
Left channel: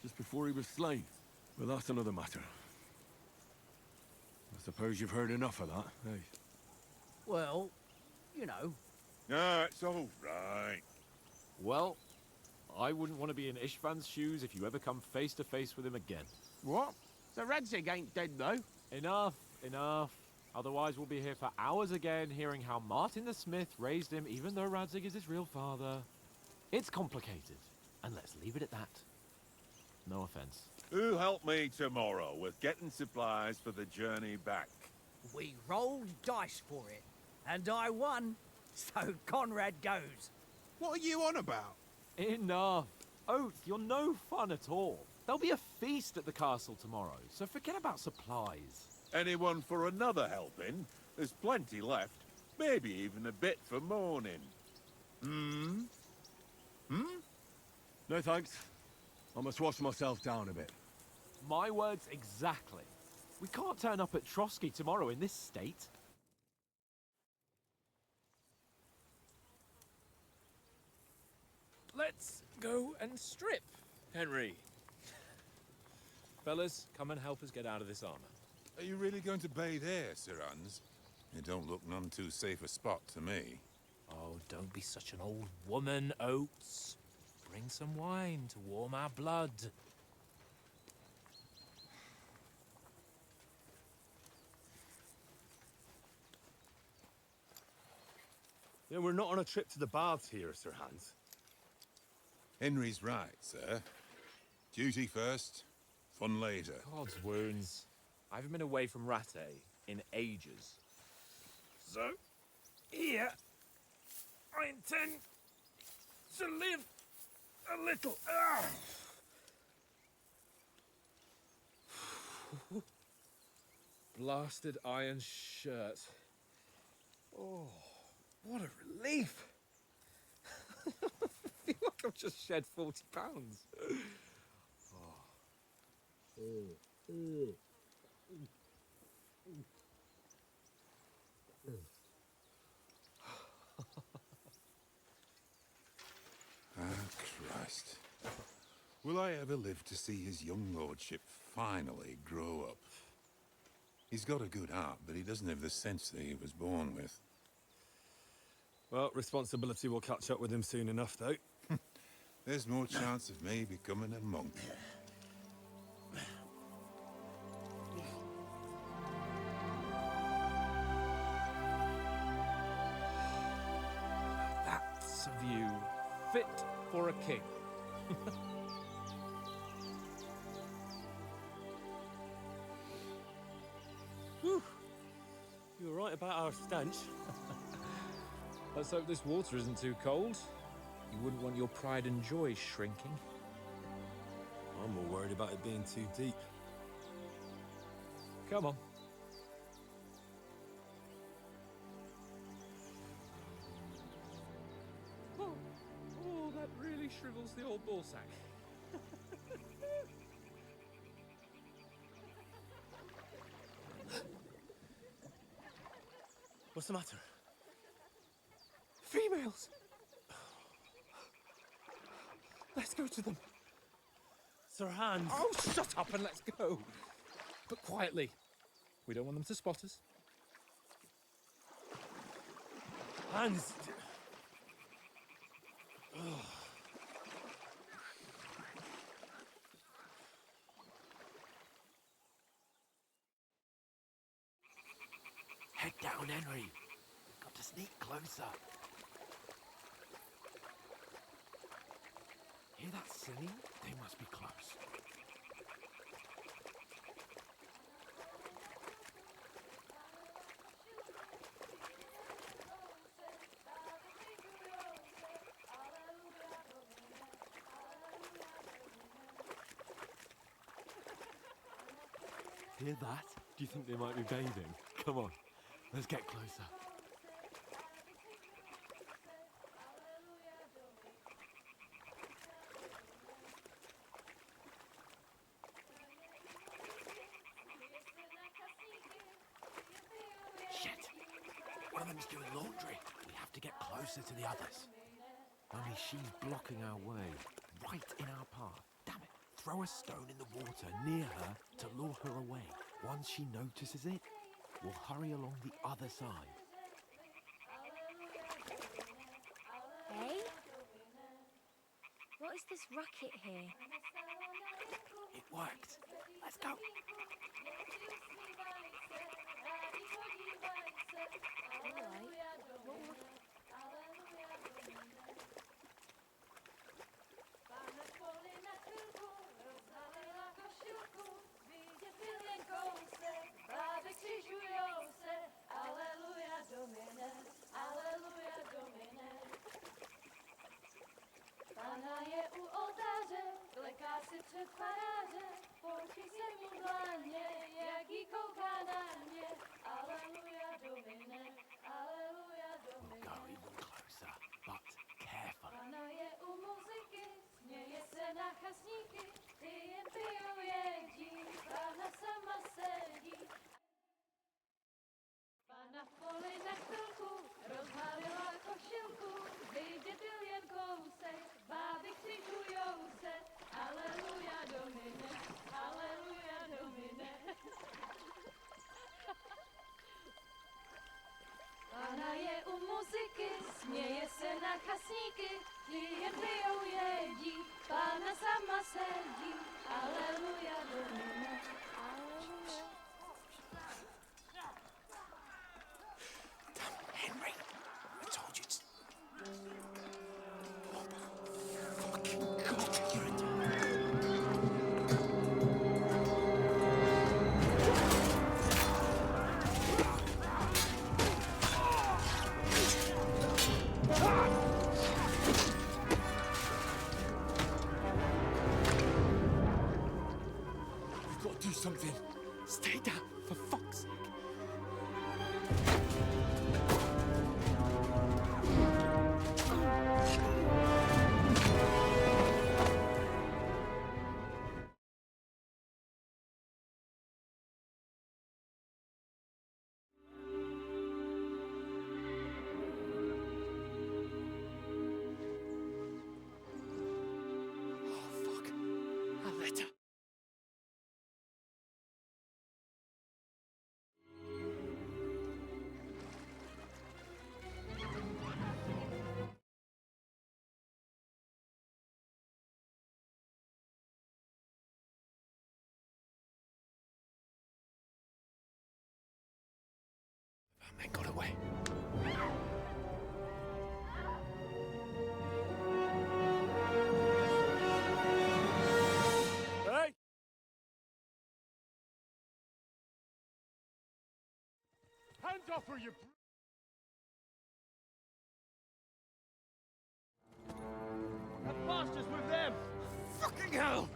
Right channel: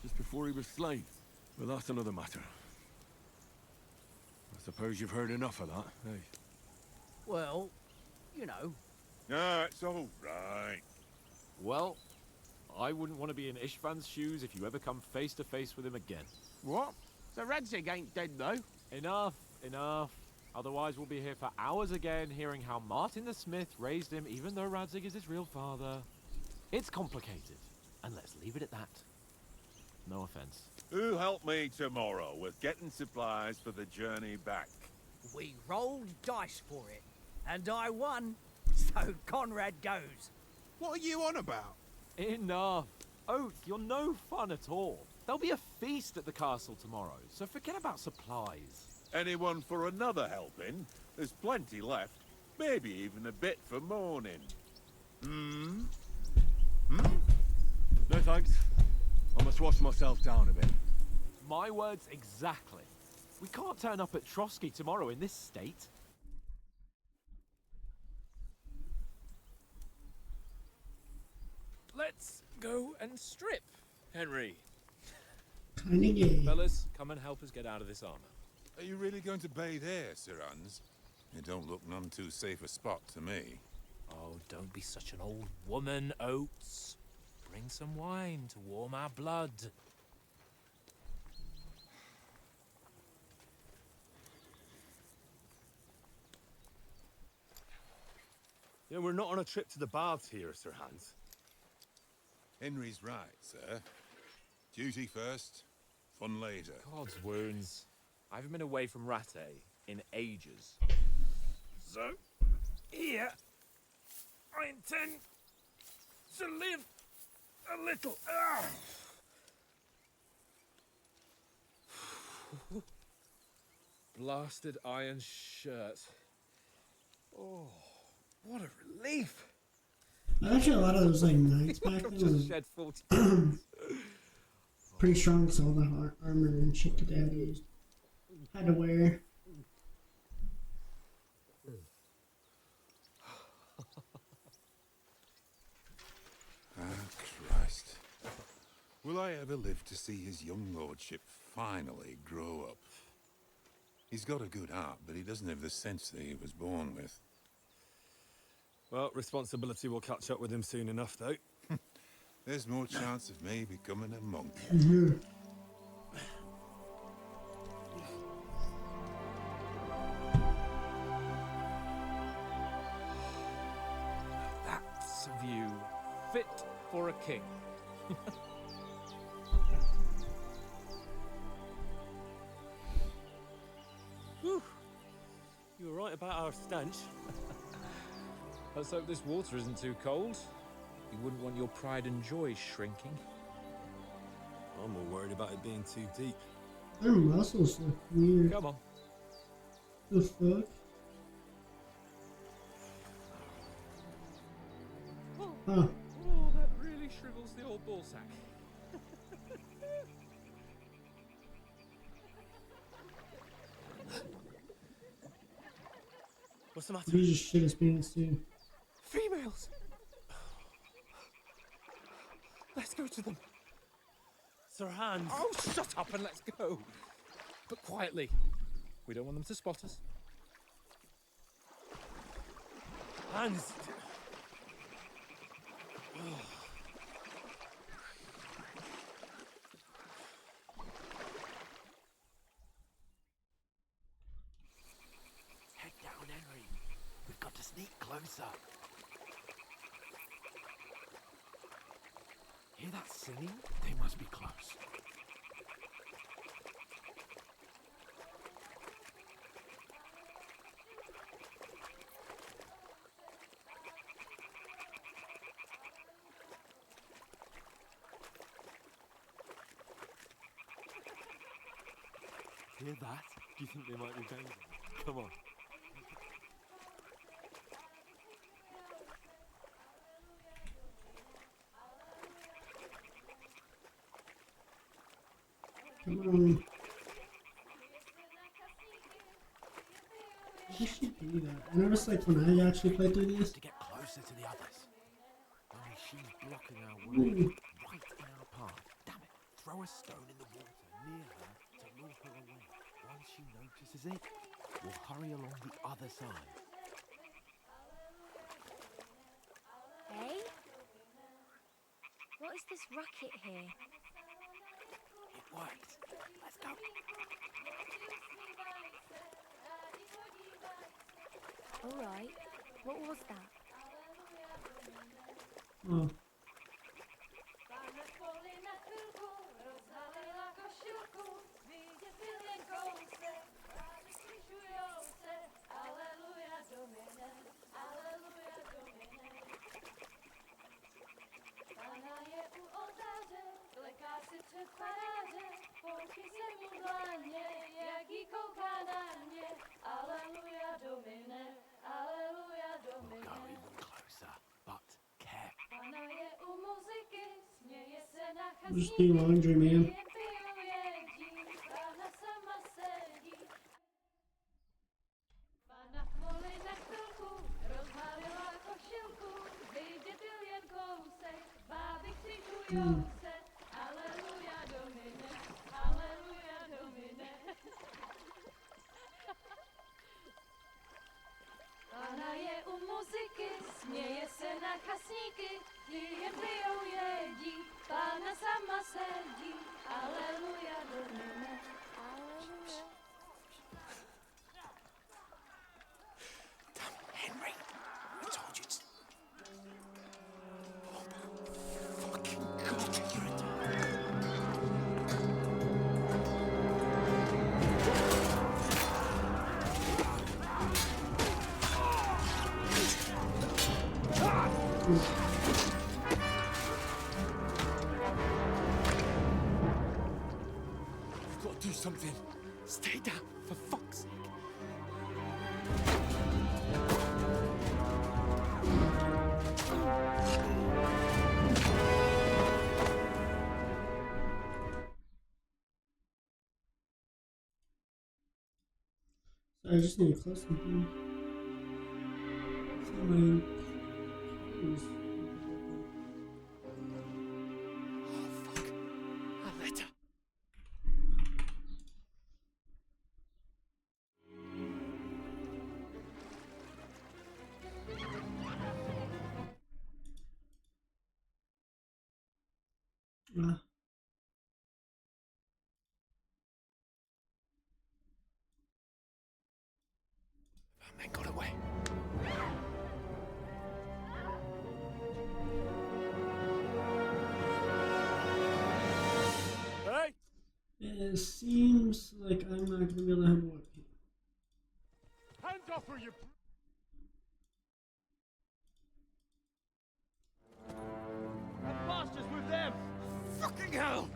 just before he was slain. But that's another matter. I suppose you've heard enough of that, eh? Well, you know. No, it's all right. Well, I wouldn't want to be in Istvan's shoes if you ever come face to face with him again. What? So Radzig ain't dead, though? Enough, enough. Otherwise we'll be here for hours again hearing how Martin the Smith raised him even though Radzig is his real father. It's complicated, and let's leave it at that. No offense. Who'll help me tomorrow with getting supplies for the journey back? We rolled dice for it, and I won, so Conrad goes. What are you on about? Enough. Oath, you're no fun at all. There'll be a feast at the castle tomorrow, so forget about supplies. Anyone for another helping? There's plenty left. Maybe even a bit for morning. Hmm? No thanks. I must wash myself down a bit. My words exactly. We can't turn up at Trotsky tomorrow in this state. Let's go and strip, Henry. Kinda gay. Fellas, come and help us get out of this armor. Are you really going to bathe here, Sir Hans? It don't look none too safe a spot to me. Oh, don't be such an old woman, Oates. Bring some wine to warm our blood. Yeah, we're not on a trip to the baths here, Sir Hans. Henry's right, sir. Duty first, fun later. God's wounds. I haven't been away from Rattay in ages. So, here, I intend to live a little. Blasted iron shirt. Oh, what a relief. Actually, a lot of those like knights back then Just was shed 40 pounds. pretty strong, so all the armor and shit together just had to wear. Christ. Will I ever live to see his young lordship finally grow up? He's got a good heart, but he doesn't have the sense that he was born with. Well, responsibility will catch up with him soon enough, though. There's more chance of me becoming a monk. That's a view fit for a king. Whew. You were right about our stench. Let's hope this water isn't too cold. You wouldn't want your pride and joy shrinking. I'm more worried about it being too deep. Their muscles look weird. Come on. The fuck? Oh, oh, that really shrivels the old ball sack. What's the matter? He just shit his pants too. Females! Let's go to them. Sir Hans. Oh, shut up and let's go. But quietly. We don't want them to spot us. Hans. Head down, Henry. We've got to sneak closer. Hear that singing? They must be close. Hear that? Do you think they might be bathing? Come on, let's get closer. I should do that. I noticed like when I actually played through these. To get closer to the others. Only she's blocking our way, right in our path. Damn it! Throw a stone in the water near her to lure her away. Once she notices it, we'll hurry along the other side. Hey? What is this racket here? It worked. Let's go. Alright. What was that? Oh. Pana je u oltáře, kleká si před paráže, poučí se mu dlaně, jak jí kouká na mě. Aleluja, Domine, aleluja, Domine. Go even closer, but careful. Pana je u muziky, směje se na Just do laundry, man. Pana sama sedí. Pana v poli na chvilku rozhalila košilku, vydětil jen kousek, báby křižujou se. Aleluja, Domine, aleluja, Domine. Pana je u muziky, směje se na chasníky, ti jen pijou jedí, Pána sama sedí. Aleluja, Domine, aleluja. Henry, I told you to... We've got to do something. Stay down, for fuck's sake. I just need to close something. Oh, fuck. A letter. Man got away. Hey! It seems like I'm not gonna be able to have one. Hands off her, you... That bastard's with them! Fucking hell!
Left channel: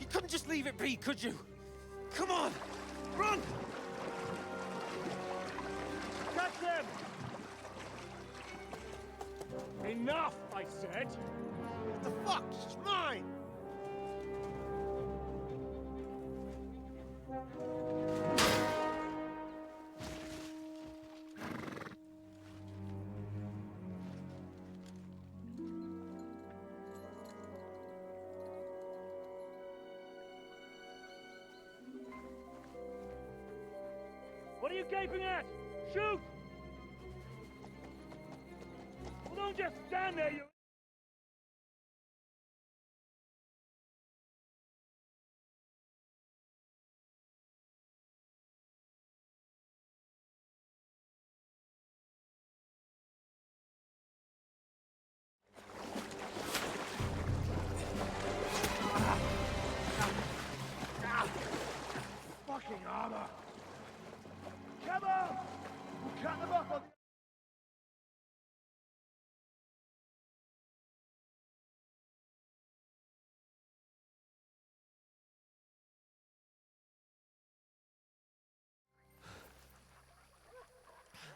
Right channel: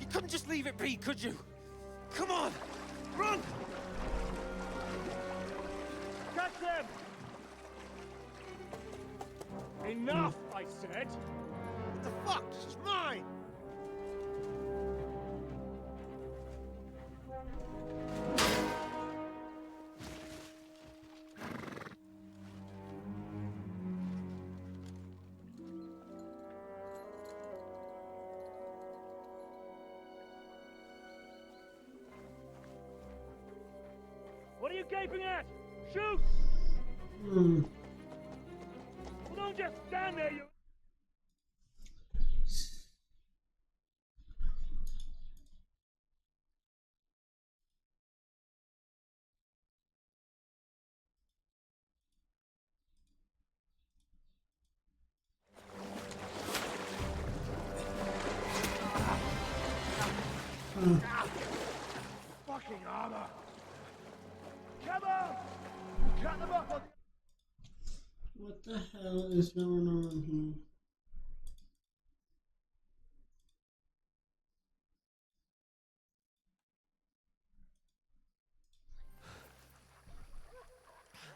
You couldn't just leave it be, could you? Come on! Run! Catch them! Enough, I said! What the fuck? She's mine! What are you gaping at? Shoot! Well, don't just stand there, you... Fucking armor! Come on! Cut them off on the... What the hell is going on here?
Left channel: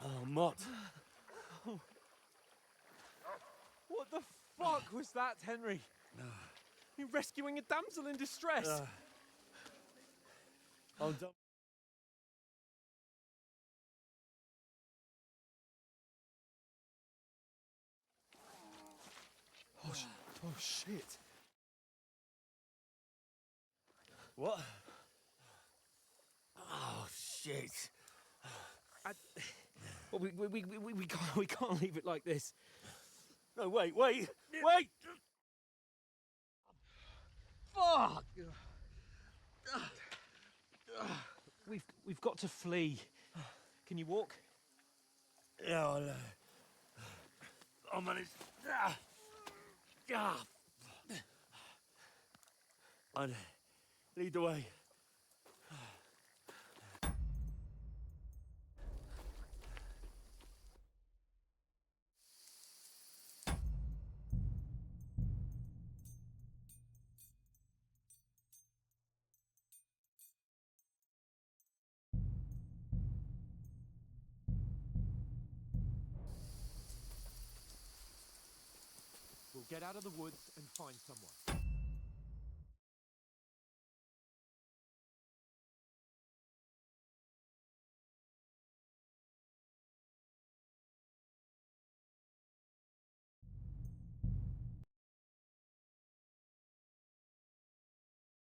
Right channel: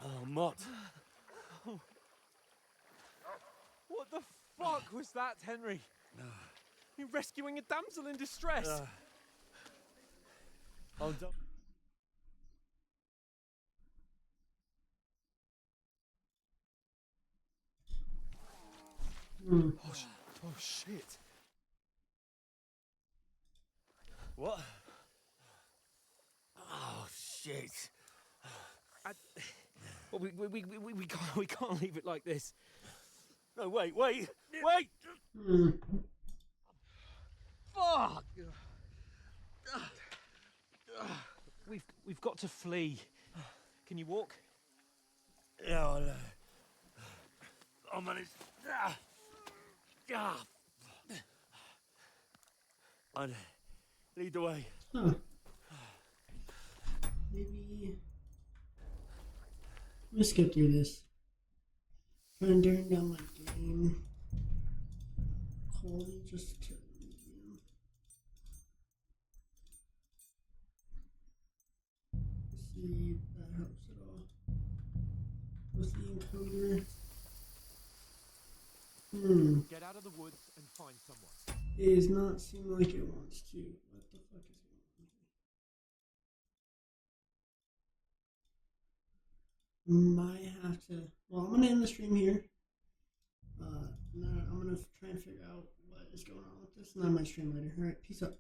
Oh, Mott. What the fuck was that, Henry? You rescuing a damsel in distress? I'll double. Oh, shit. What? Oh shit! Well, we can't leave it like this. No, wait! Fuck! We've got to flee. Can you walk? Yeah, I'll manage. I'd lead the way. Huh. Maybe. Let's skip through this. Rendering down my game quality just to, see if that helps at all. What's the encounter? Get out of the woods and find someone. It does not seem like it wants to. What the fuck is going on? Might have to. Well, I'm gonna end the stream here. I'm gonna try and figure out what is going on with this, and I might stream later. All right, peace out.